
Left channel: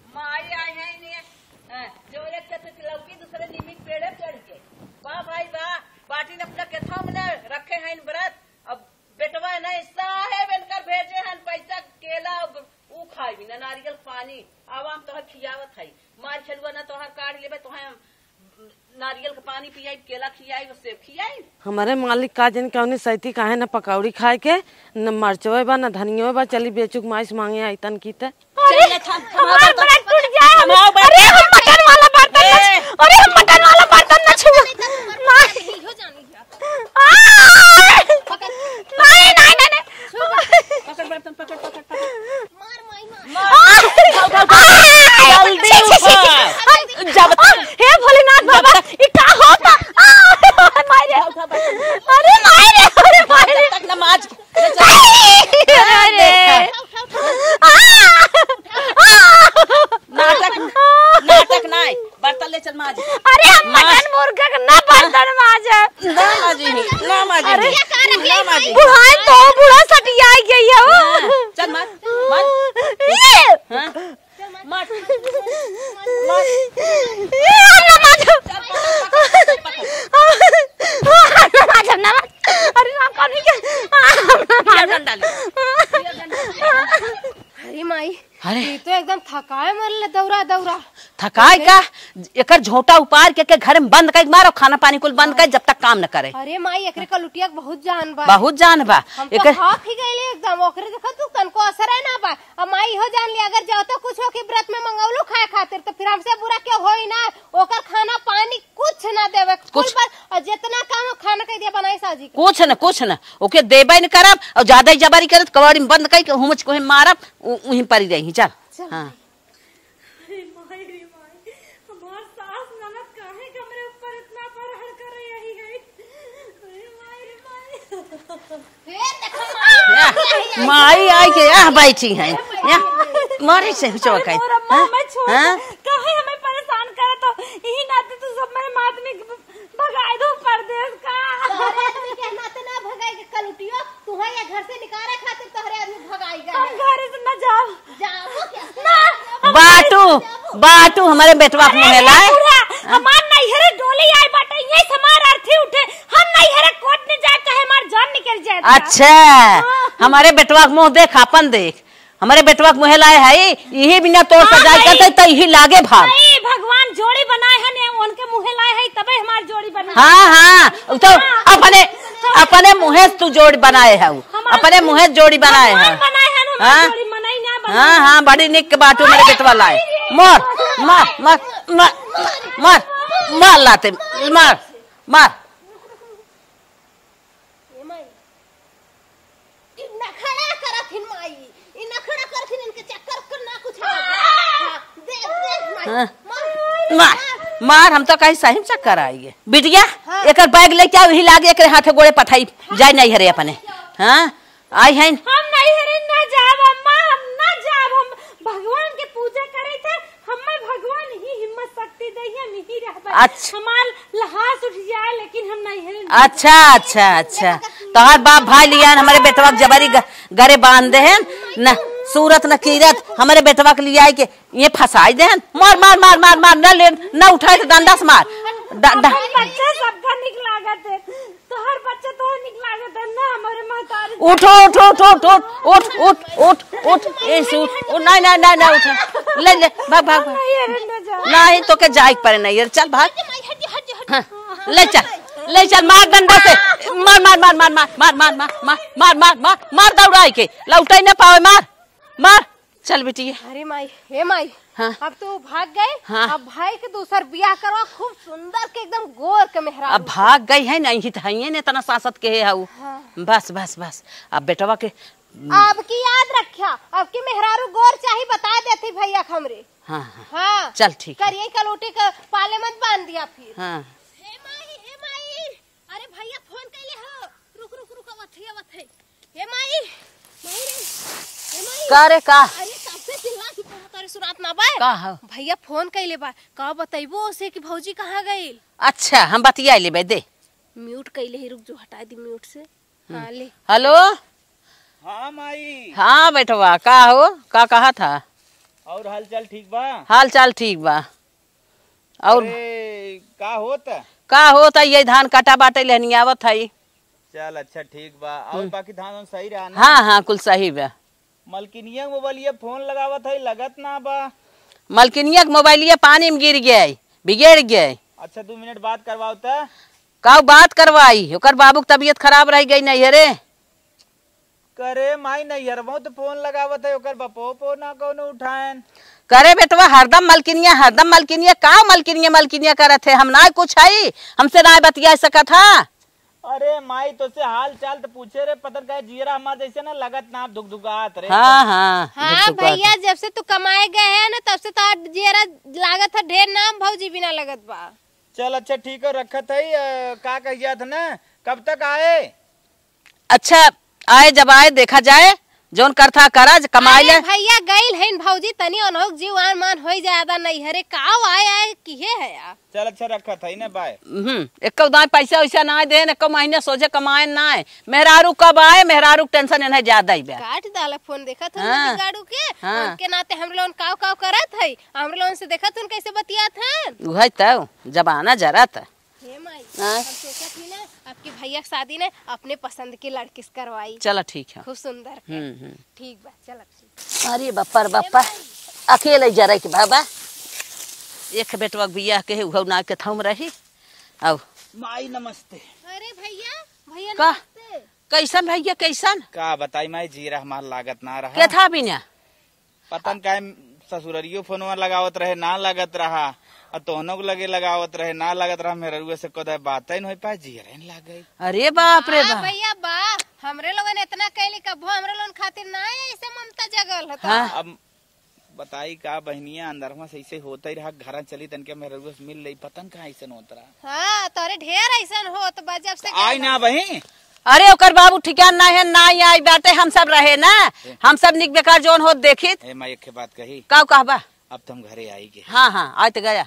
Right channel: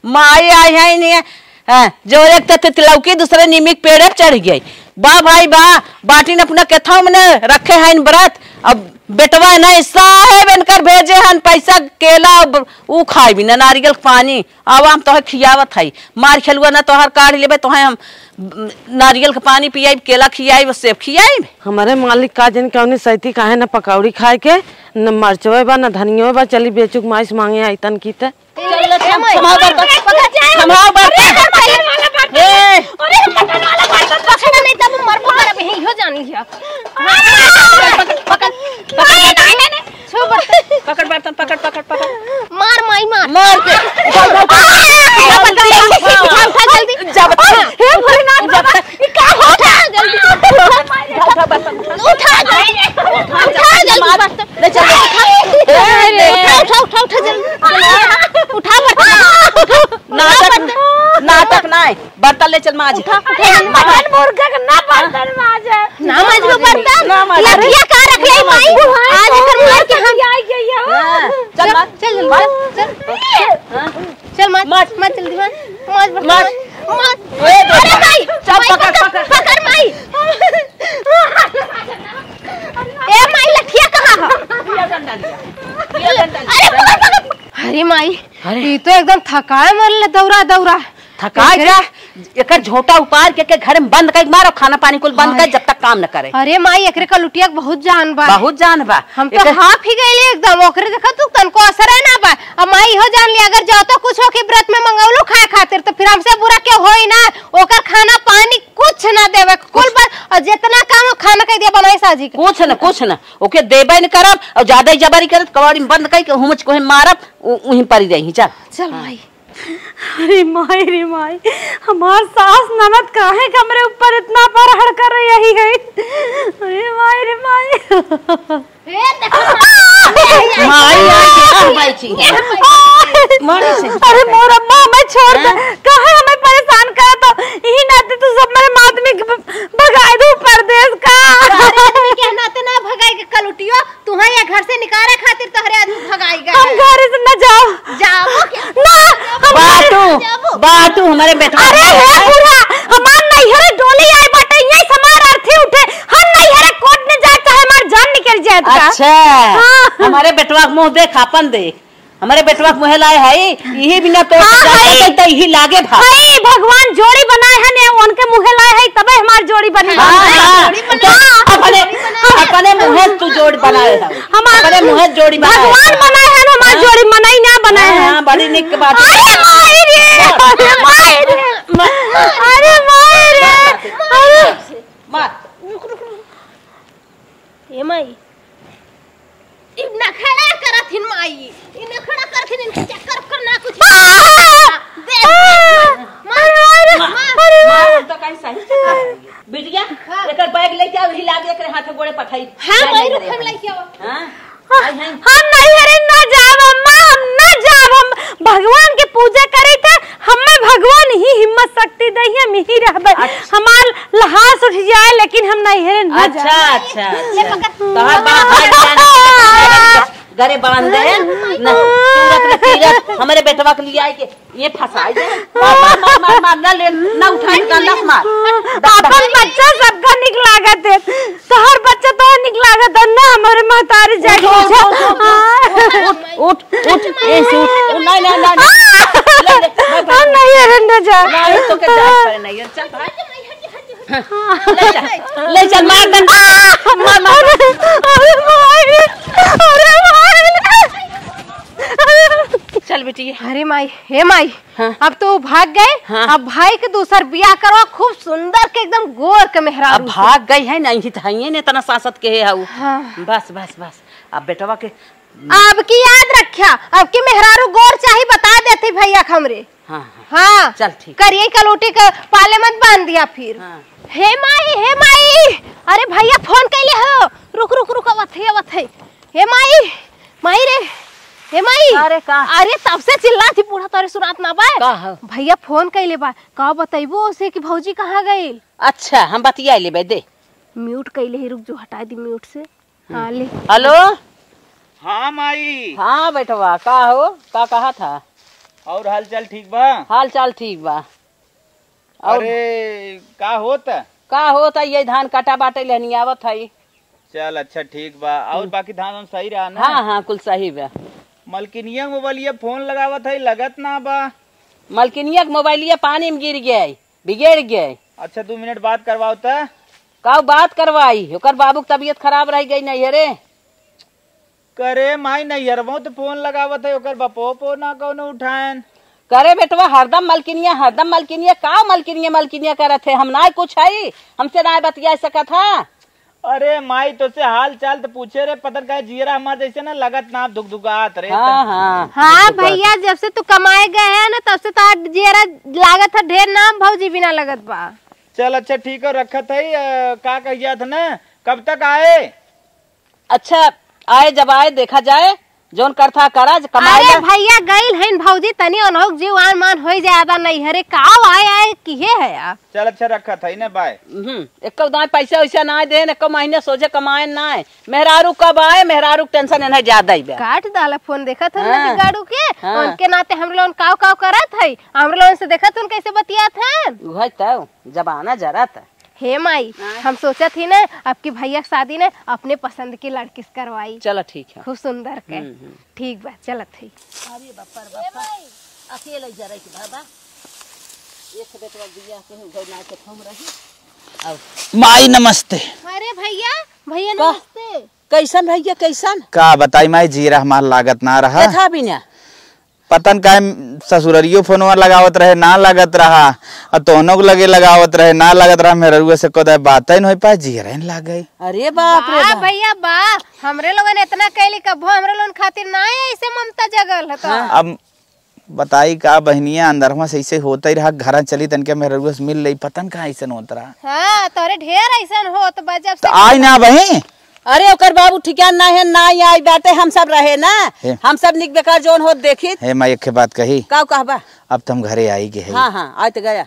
माई आई है नहीं हाँ, जो एक तिलौकी दूसरे नीमिक पेड़े चढ़ गई। बा भाई बा बाटी अपना केथा मैंने रखे हैं व्रत। अब बेटवा है ना साहेब इनकर भेजे हन पैसा केला ऊ खाई भी ना नारियल पानी। अब हम तोहर खियावत है मार खेलुआ ना तोहर काढ़ लेबे तो हम नारियल का पानी पियाई केला खियाई सेब खियाई। हमारे मालिक का जन कौन सैती काहे ना पकौड़ी खाए के न मरचवे बा न धनिया बा। चली बेचुक माइस मांगे आइतन की ते पकड़ बर्तन पकड़ पकड़ पकड़ मार माई मार नाटक नहीं बर्तन ले चल माज। मुर्गा का ना बर्तन माज है ना माज लो बर्तन लड़कियां का रख ले माई आज हम आई गई हो। चल माज चल चल माज माज माज जल्दी माज माज माज अरे भाई चल पकड़ माई माज ना ए माई लड़कियां कहां अरे माई ये तो एकदम थकाए मरले दौरा दौरा थका क्या एक झोटा उपार के घर में बंद कर मारो खाना पानी कुल बंद कर जब तक काम न करे। अरे माई एकरे का लुटिया बहुत जान बा बहुत जान बा हम तो हाफ ही गईले एकदम ओकरे देखा तू तनको असर है ना बा। अब माई हो जान ली अगर जाओ तो कुछ हो के व्रत में मंगौलो खाए खातिर तो फिर हमसे बुरा के होई ना ओकर खाना पानी कुछ ना देवे कुल पर और जितना काम खाना कह दिया बनाई साजी कुछ न ओके देबे न करब और ज्यादा जबरी करत कवाड़ी में बंद कर हुमच को मारब वहीं पर रही। चल चल माई। अरे माई हमार सास ननद काहे कमरे ऊपर इतना परहड़ कर रही है। अरे माई माई आई के आ बैठी है मारे से। अरे मोर अम्मा मैं छोड़ दे काहे हमें परेशान कर तो यही नाते तू सब मेरे माध्यमिक भगाए दो परदेश का। अरे कहना तो ना भगाई के कलुटियो तू है या घर से निकाले खातिर तोहरे आदमी भगाई गए। हम घर से न जाओ ना बाटू हमारे बेटवा हमार नहीं हरे डोली आई बटे यही समार अर्थी उठे हम नहीं हरे कोट ने जाए चाहे हमार जान निकल जाए। अच्छा हमारे बेटवा मुंह देख अपन देख हमारे बेटवा मुँह लाए है यही बिना तो यही लागे भाई भगवान जोड़ी बनाए है ने उनके मुँह लाए है तबे हमार जोड़ी बने। अपने मुँह तू जोड़ी बनाए है अपने मुँह जोड़ी बनाए भगवान बनाए है हमार जोड़ी मनाई ना बनाए। हां बड़ी निक बात मार ए माई इ नखड़ा करथिन माई इ नखड़ा करथिन इनके चक्कर करना कुछ मार हम तो कहीं सही चक्कर आएंगे बिटिया एक बैग लेके आओ ही लागे एक हाथे गोड़े पठाई जाए नहीं हरे अपने। हां आई हैं हम नहीं हरे ना जाव अम्मा हम ना जाव हम भगवान के पूजा करे थे हमें भगवान ही हिम्मत शक्ति दे हम ही रहबे। हमार लहास उठ जाए लेकिन हम नहीं हरे ना। अच्छा तोहर बाप भाई लिया हमारे बेटवा जबरी घरे बांध दे ना सूरत न कीरत हमारे बेटवा के लिए आई के ये फसाई दे मार मार मार मार मार न ले न उठाई डंडा से मार। अपन बच्चा सबका निक लागत है तोहर बच्चा तो निक लागत है ना हमारे महतारी जाके उठ ऐसे उठ नहीं ले भाग नहीं रंडा जा नहीं तो के जाए पर नहीं चल भाग ले चल मार डंडा से मार मार मार मार मार भाई के उठाई ना पावे मार चल बेटी। अरे माई हे माई अब तो भाग गए अब भाई के दूसर बियाह करवा खूब सुंदर के एकदम गोर के मेहरारू। अब भाग गई है नहीं तो है ने तना सांसत के है बस अब बेटवा के अब की याद रखा अब की मेहरारू गोर चाही बता देती भैया हमरे। हाँ चल ठीक करिए कलोटी का पाले मत बांध दिया फिर। हे माई अरे भैया फोन कैले हो रुक आवत है हे माई रे हे माई अरे तब से चिल्ला थी पूरा तोरे सुरात ना बा भैया फोन कैले बा का बताइबो उसे कि भौजी कहाँ गई। अच्छा हम बतिया लेबे दे म्यूट कैले ही रुक जो हटा दी म्यूट से। हाँ ले हेलो हाँ माई हाँ बेटवा का हो का कहा था और हाल चाल ठीक बा हाल चाल ठीक बा और अरे का होता का होता ये धान काटा बाटे लेनी आवत है। चल अच्छा ठीक बा। और बाकी धान वान सही रहा ना? हाँ हाँ कुल सही बा। मलकिनिया मोबाइलिया फोन लगावत है लगत ना बा। मलकिनिया के मोबाइलिया पानी में गिर गया बिगड़ गया। अच्छा 2 मिनट बात करवाओ त। का बात करवाई ओकर बाबू की तबीयत खराब रह गई नहीं रे। करे माई नहीं हरबो तो फोन लगावत है ओकर बपो पो ना कौनो उठाएन। करे बेटवा हरदम मलकिनिया का मलकिनिया करत है। हम ना कुछ है हमसे ना बतिया सकत है। अरे माई तो से हाल चाल तो पूछे रे पता का जीरा हमारे जैसे ना लगत ना दुख दुखात रे। हाँ हाँ हाँ भैया जब से तू कमाए गए है ना तब से तो जेरा लागत है ढेर नाम भौजी बिना लगत बा। चल अच्छा ठीक है रखत है। का कहिया था ना कब तक आए? अच्छा आए जब आए देखा जाए जोन करता करा कमाए अरे भैया गइल है भौजी तनी अनहोक जीवान मान हो ज्यादा नहीं हरे काव आए किहे है यार। चल अच्छा रखत है ना बाय। एक पैसा वैसा ना दे एक महीने सोचे कमाए ना मेहरारू कब आए मेहरारू टेंशन इन्हें ज्यादा ही काट डाला फोन देखा था हाँ, गाड़ू के हाँ। उनके नाते हम लोग काव काव करत है हम लोग से देखा तुम कैसे बतियात हैं। वही तो जबाना जरा था। हे माई हम सोचा थी ना आपकी भैया की शादी ने अपने पसंद की लड़की से करवाई। चलो ठीक है खूब सुंदर के ठीक बा चलत है। अरे बापा अकेले जरा के बाबा एक बेटवा बियाह के ना के थम रही। आओ माई नमस्ते। अरे भैया भैया नमस्ते। कैसन भैया कैसन का बताई माई जीरा हमार लागत ना रहा। था बिना पतन का ससुररियो फोनवा लगावत रहे ना लगत रहा और तोहनो को लगे लगावत रहे ना लगत रहा। मेरे से कोदा बात ही नहीं पाए जीरा लाग गई। अरे बाप रे बाप। भैया बा हमरे लोगन इतना कैली कबो हमरे लोगन खातिर ना ऐसे ममता जगल है। हाँ। अब बताई का बहनिया अंदर से ऐसे होता ही रहा घर चली तन के मेरे से मिल रही पतन का ऐसा होता रहा। हाँ तोरे ढेर ऐसा हो तो बजब से आई ना बही। अरे ओकर बाबू ठिकान ना है ना आई बाटे हम सब रहे ना हम सब निक बेकार जोन हो देखी। हे मैं एक बात कही का कहबा अब तुम घरे आई गए। हाँ हाँ आज तो गया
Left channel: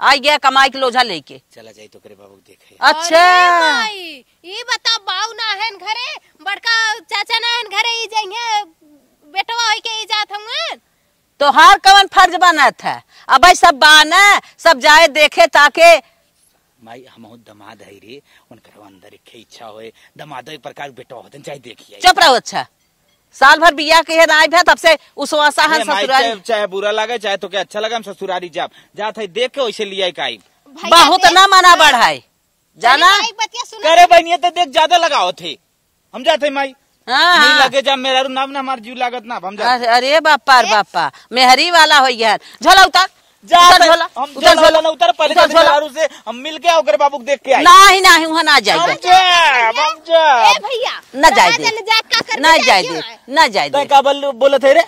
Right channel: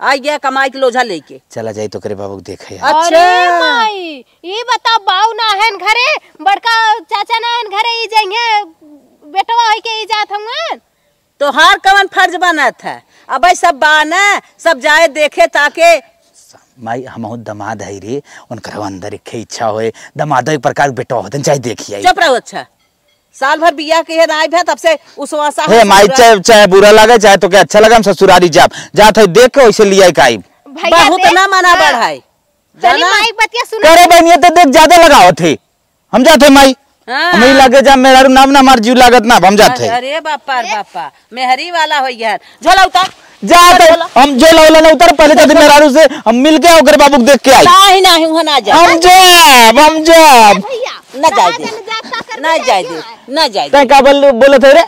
आई गया कमाई के लोझा लेके चला जाई तो करे बाबू देखे। अच्छा माई ये बता बाऊ ना है घरे बड़का चाचा ना है घरे ई जाएंगे बेटवा होई के ई जात हम तो हार कवन फर्ज बना था अब सब बाना सब जाए देखे ताके। माई हम दमाद है रे उनकर अंदर एक इच्छा होए दमाद एक प्रकार बेटा होते चाहे देखिए। चुप रहो। अच्छा साल भर बियाह के आई भे तब से उस वासा हे माई चाहे बुरा लगे चाहे तो क्या अच्छा लगा हम ससुरारी जात है देख के वैसे लिया काई बहुत ना माना बढ़ाई जाना माई बतिया सुन करे बहनिया तो देख ज्यादा लगाओ थे हम जाते माई हाँ। हमें लगे जा मेरा नाम ना मार जीव लागत ना हम जाते। अरे बापा मेहरी वाला हो गया झला उतर जाते हम जो लाला ना उतर पहले तो मेहरारू से हम मिल के ओकर बाबू देख के आई नहीं वहां ना जा हम जब ना जाए दे ना जाए तै का बोले थे रे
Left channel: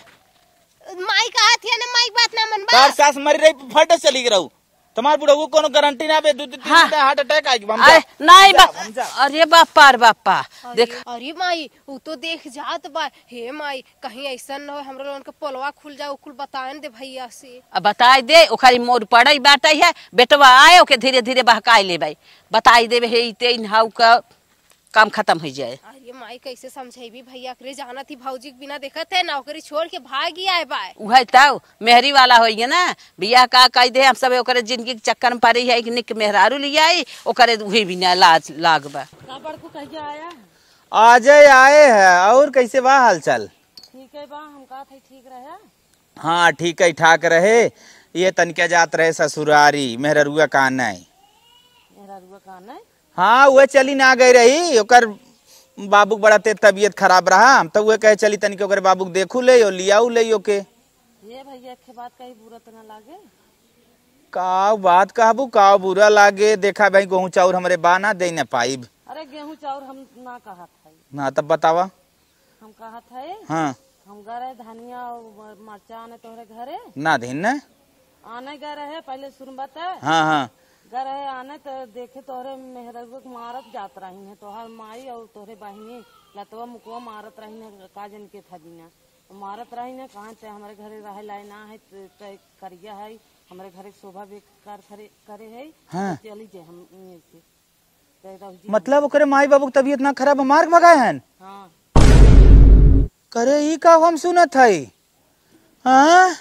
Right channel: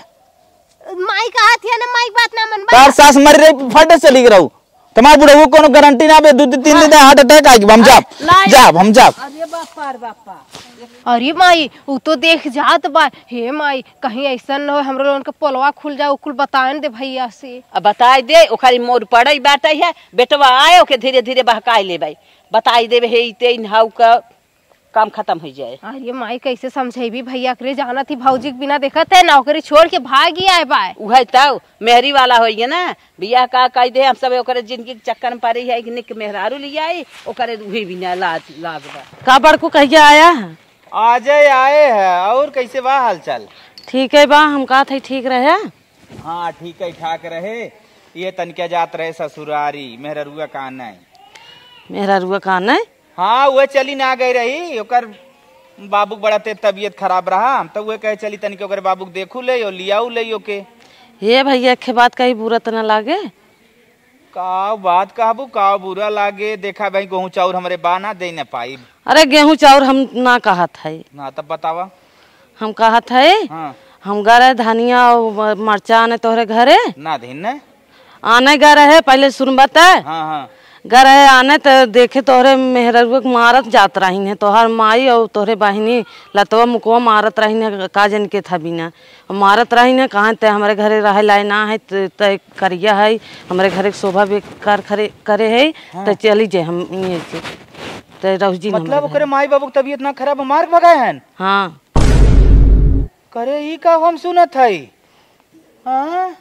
माई का हाथ है ना माई बात ना मन तार सास मर रही फटे चली गई तुम्हारे बुढ़ा वो कोनो गारंटी ना बे 2-3 दिन हार्ट अटैक आएगी हम जाब। अरे बापा देख अरे माई वो तो देख जात बा। हे माई कहीं ऐसा न हो हमरो लोगन के पोलवा खुल जाओ कुल बताएं दे भैया से। अब बताई दे ओखारी मोर पड़ई बाटा है बेटवा आए ओके धीरे धीरे बहकाई ले भाई बताई दे हे इते हाउ का काम खत्म हो जाए। अरे माई कैसे समझेबी भैया करे जाना थी भौजी के बिना देखत है नौकरी छोड़ के भाग ही आए बाय। उहे तब मेहरी वाला होइए ना बियाह का कह दे हम सब ओकरे जिंदगी के चक्कर में पड़ी है कि निक मेहरारू लिया आई ओकरे उही बिना लाज लागबा। का बड़कू कहिया आया है? आज आए है और कैसे बा हाल चाल? ठीक है बा हम कहा थे ठीक रहे। हाँ ठीक है ठाक रहे ये तनिका जात रहे ससुरारी मेहरुआ का नहीं मेहरुआ का नहीं। हाँ वह चली ना गई रही ओकर बाबू बड़ा ते तबीयत खराब रहा हम तो वह कहे चली तनिक ओकर बाबू देखू ले और लियाऊ ले ओके। ये भैया के बात कहीं बुरा तो न लागे का बात कहबू का बुरा लागे देखा भाई गेहूं चाउर हमरे बाना दे न पाई। अरे गेहूं चाउर हम ना कहा था ना तब बतावा हम कहा था हाँ। हम गए धनिया और मरचा आने तोहरे घरे ना दिन आने गए रहे पहले सुन बता। हाँ हाँ घर है आने तो देखे तोहरे मेहरुआ मारत जात रही है तोहर माई और तोहरे बहनी लतवा मुकवा मारत रही है का जन के था बिना मारत रही है कहाँ ते हमारे घरे रहे लाए ना है तय करिया है हमारे घरे शोभा बेकार करे है तो चली जाए हम ये से तो जी मतलब ओकरे माई बाबू की तबीयत ना खराब मार भगाए हैं। हाँ करे ये का हम सुनत है। हाँ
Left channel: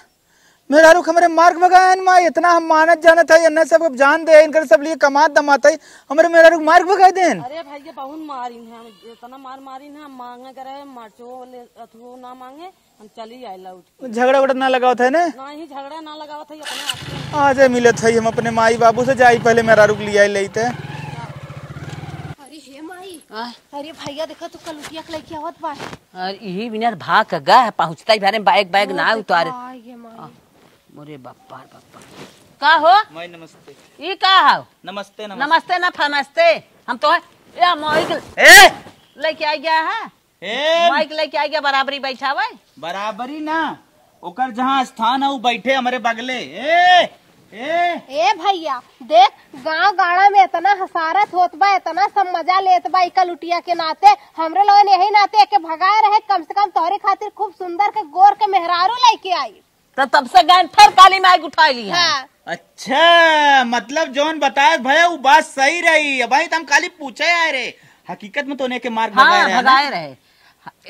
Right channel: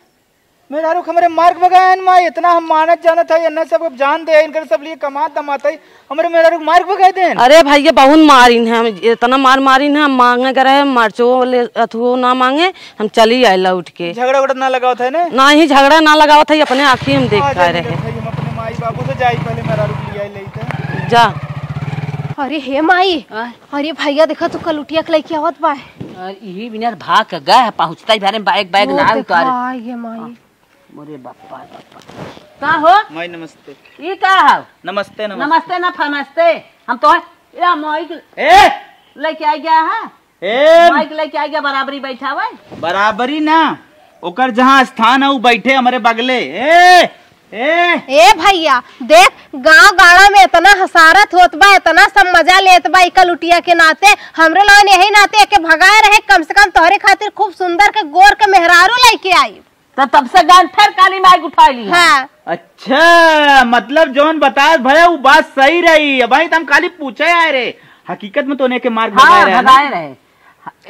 मेरा रुख हमारे मार्ग भगायन माँ इतना हम मानत जानत है अन्ना सब अब जान दे इनकर सब लिए कमात दमात है हमारे मेरा रुख मार्ग भगाए देन। अरे भैया बहुत मारिन है, हम इतना मारिन है, हम मांगे करे मर्चो ले अथुओ ना मांगे, हम चली आए लौट के। झगड़ा उगड़ा ना लगावत है ना ही झगड़ा ना लगावत है, अपने आँखी हम देख मिलत है। हम अपने माई बाबू से जाई पहले मेरा रुख लिया लेते जा। अरे हे माई, अरे भैया देखा तू कलुटिया के लेके आवत बा। यही बिना भाग के गए पहुंचता ही बारे में बैग ना उतारे। ये माई अरे बापा का हो माई नमस्ते। ये का हो? नमस्ते नमस्ते ना फमस्ते हम तो ए माइक लेके आ गया है। माइक लेके आ गया बराबरी बैठा हुआ बराबरी ना ओकर जहाँ स्थान है वो बैठे हमारे बगले। ए भैया देख गांव गाड़ा में इतना हसारत होत बा, इतना सब मजा लेत बा कलुटिया के नाते। हमरे लोगन यही नाते के भगाए रहे, कम से कम तोहरे खातिर खूब सुंदर के गोर के मेहरारू लेके आई। तो तब से गान थर काली माइक उठा ली। हाँ। अच्छा मतलब जौन बताया भैया वो बात सही रही है भाई, तुम खाली पूछे आए रे, हकीकत में तो के मार्ग भगाए रहे।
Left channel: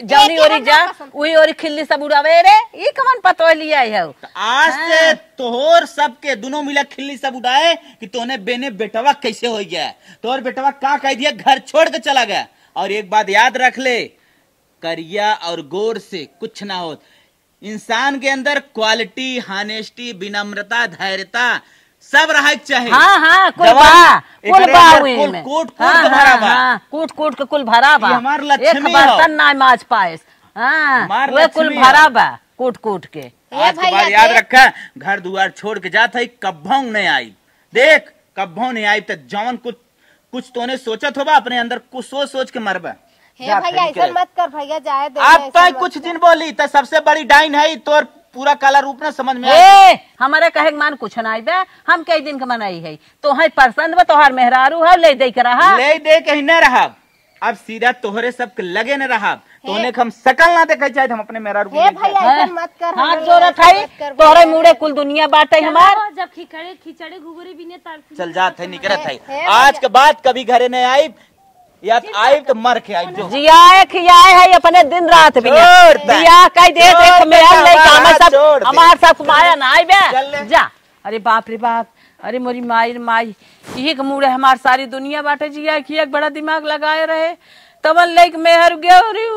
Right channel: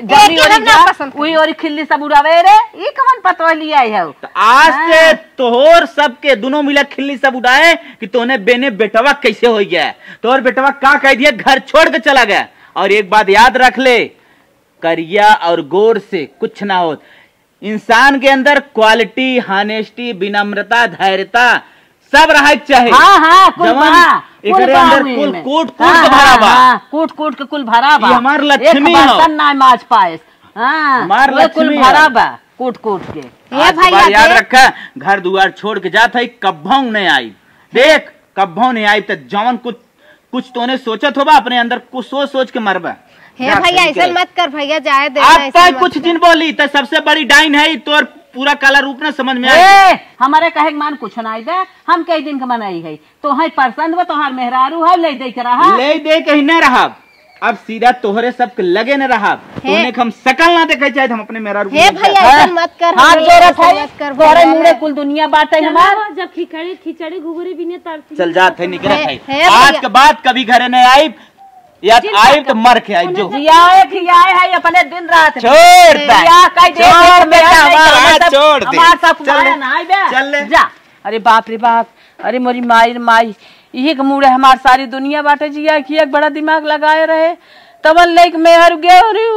जबरी ओरी जा उई ओरी खिल्ली सब उड़ावे रे, ये कमन पतो लिया है। आज से तोहर सबके दोनों मिला खिल्ली सब उड़ाए कि तोने बेने बेटवा कैसे हो गया। तोहर बेटवा का कह दिया घर छोड़ के चला गया। और एक बात याद रख ले, करिया और गोर से कुछ ना हो। इंसान के अंदर क्वालिटी, हानेस्टी, विनम्रता, धैर्यता सब रहे चाहिए। हाँ हाँ कुल कूट के कुल भरा बा। हमार लक्ष्मी एक बर्तन ना माज पाए। हाँ कुल भरा बा कूट के। आज बार याद रखा, घर दुआर छोड़ के जात है कब्बों नहीं आई। देख कब्बों नहीं आई तो जौन कुछ तोने सोचत होगा अपने अंदर कुछ सोच के मरबा। हे भैया ऐसा मत कर भैया, जाए दे। अब तो कुछ दिन बोली तो सबसे बड़ी डाइन है तोर पूरा काला रूप ना समझ में आए। हमारे कहे मान कुछ ना दे, हम कई दिन के मनाई है तो है पसंद में तोहर मेहरारू है ले दे के रहा, ले दे कहीं न रहा। अब सीधा तोहरे सब लगे न रहा, तूने हम शकल ना देखे चाहे हम अपने मेहरारू। हे भैया ऐसा मत कर, हाथ जोड़त है तोहरे मुड़े कुल दुनिया बाटे हमार। जब खिचड़ी घुघरी बिने तर चल जात है निकलत है। आज के बाद कभी घरे नहीं आई या आई तो मर के आई। जो जियाए खियाए है अपने दिन रात छोड़ दे हमार सब कुमाया ना आई बे जा। अरे बाप रे बाप, अरे मोरी माई एक मुड़े हमार सारी दुनिया बाटे जिया की एक बड़ा दिमाग लगाए रहे तबन लेक मेहर गया। अरे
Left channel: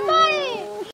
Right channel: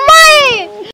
माई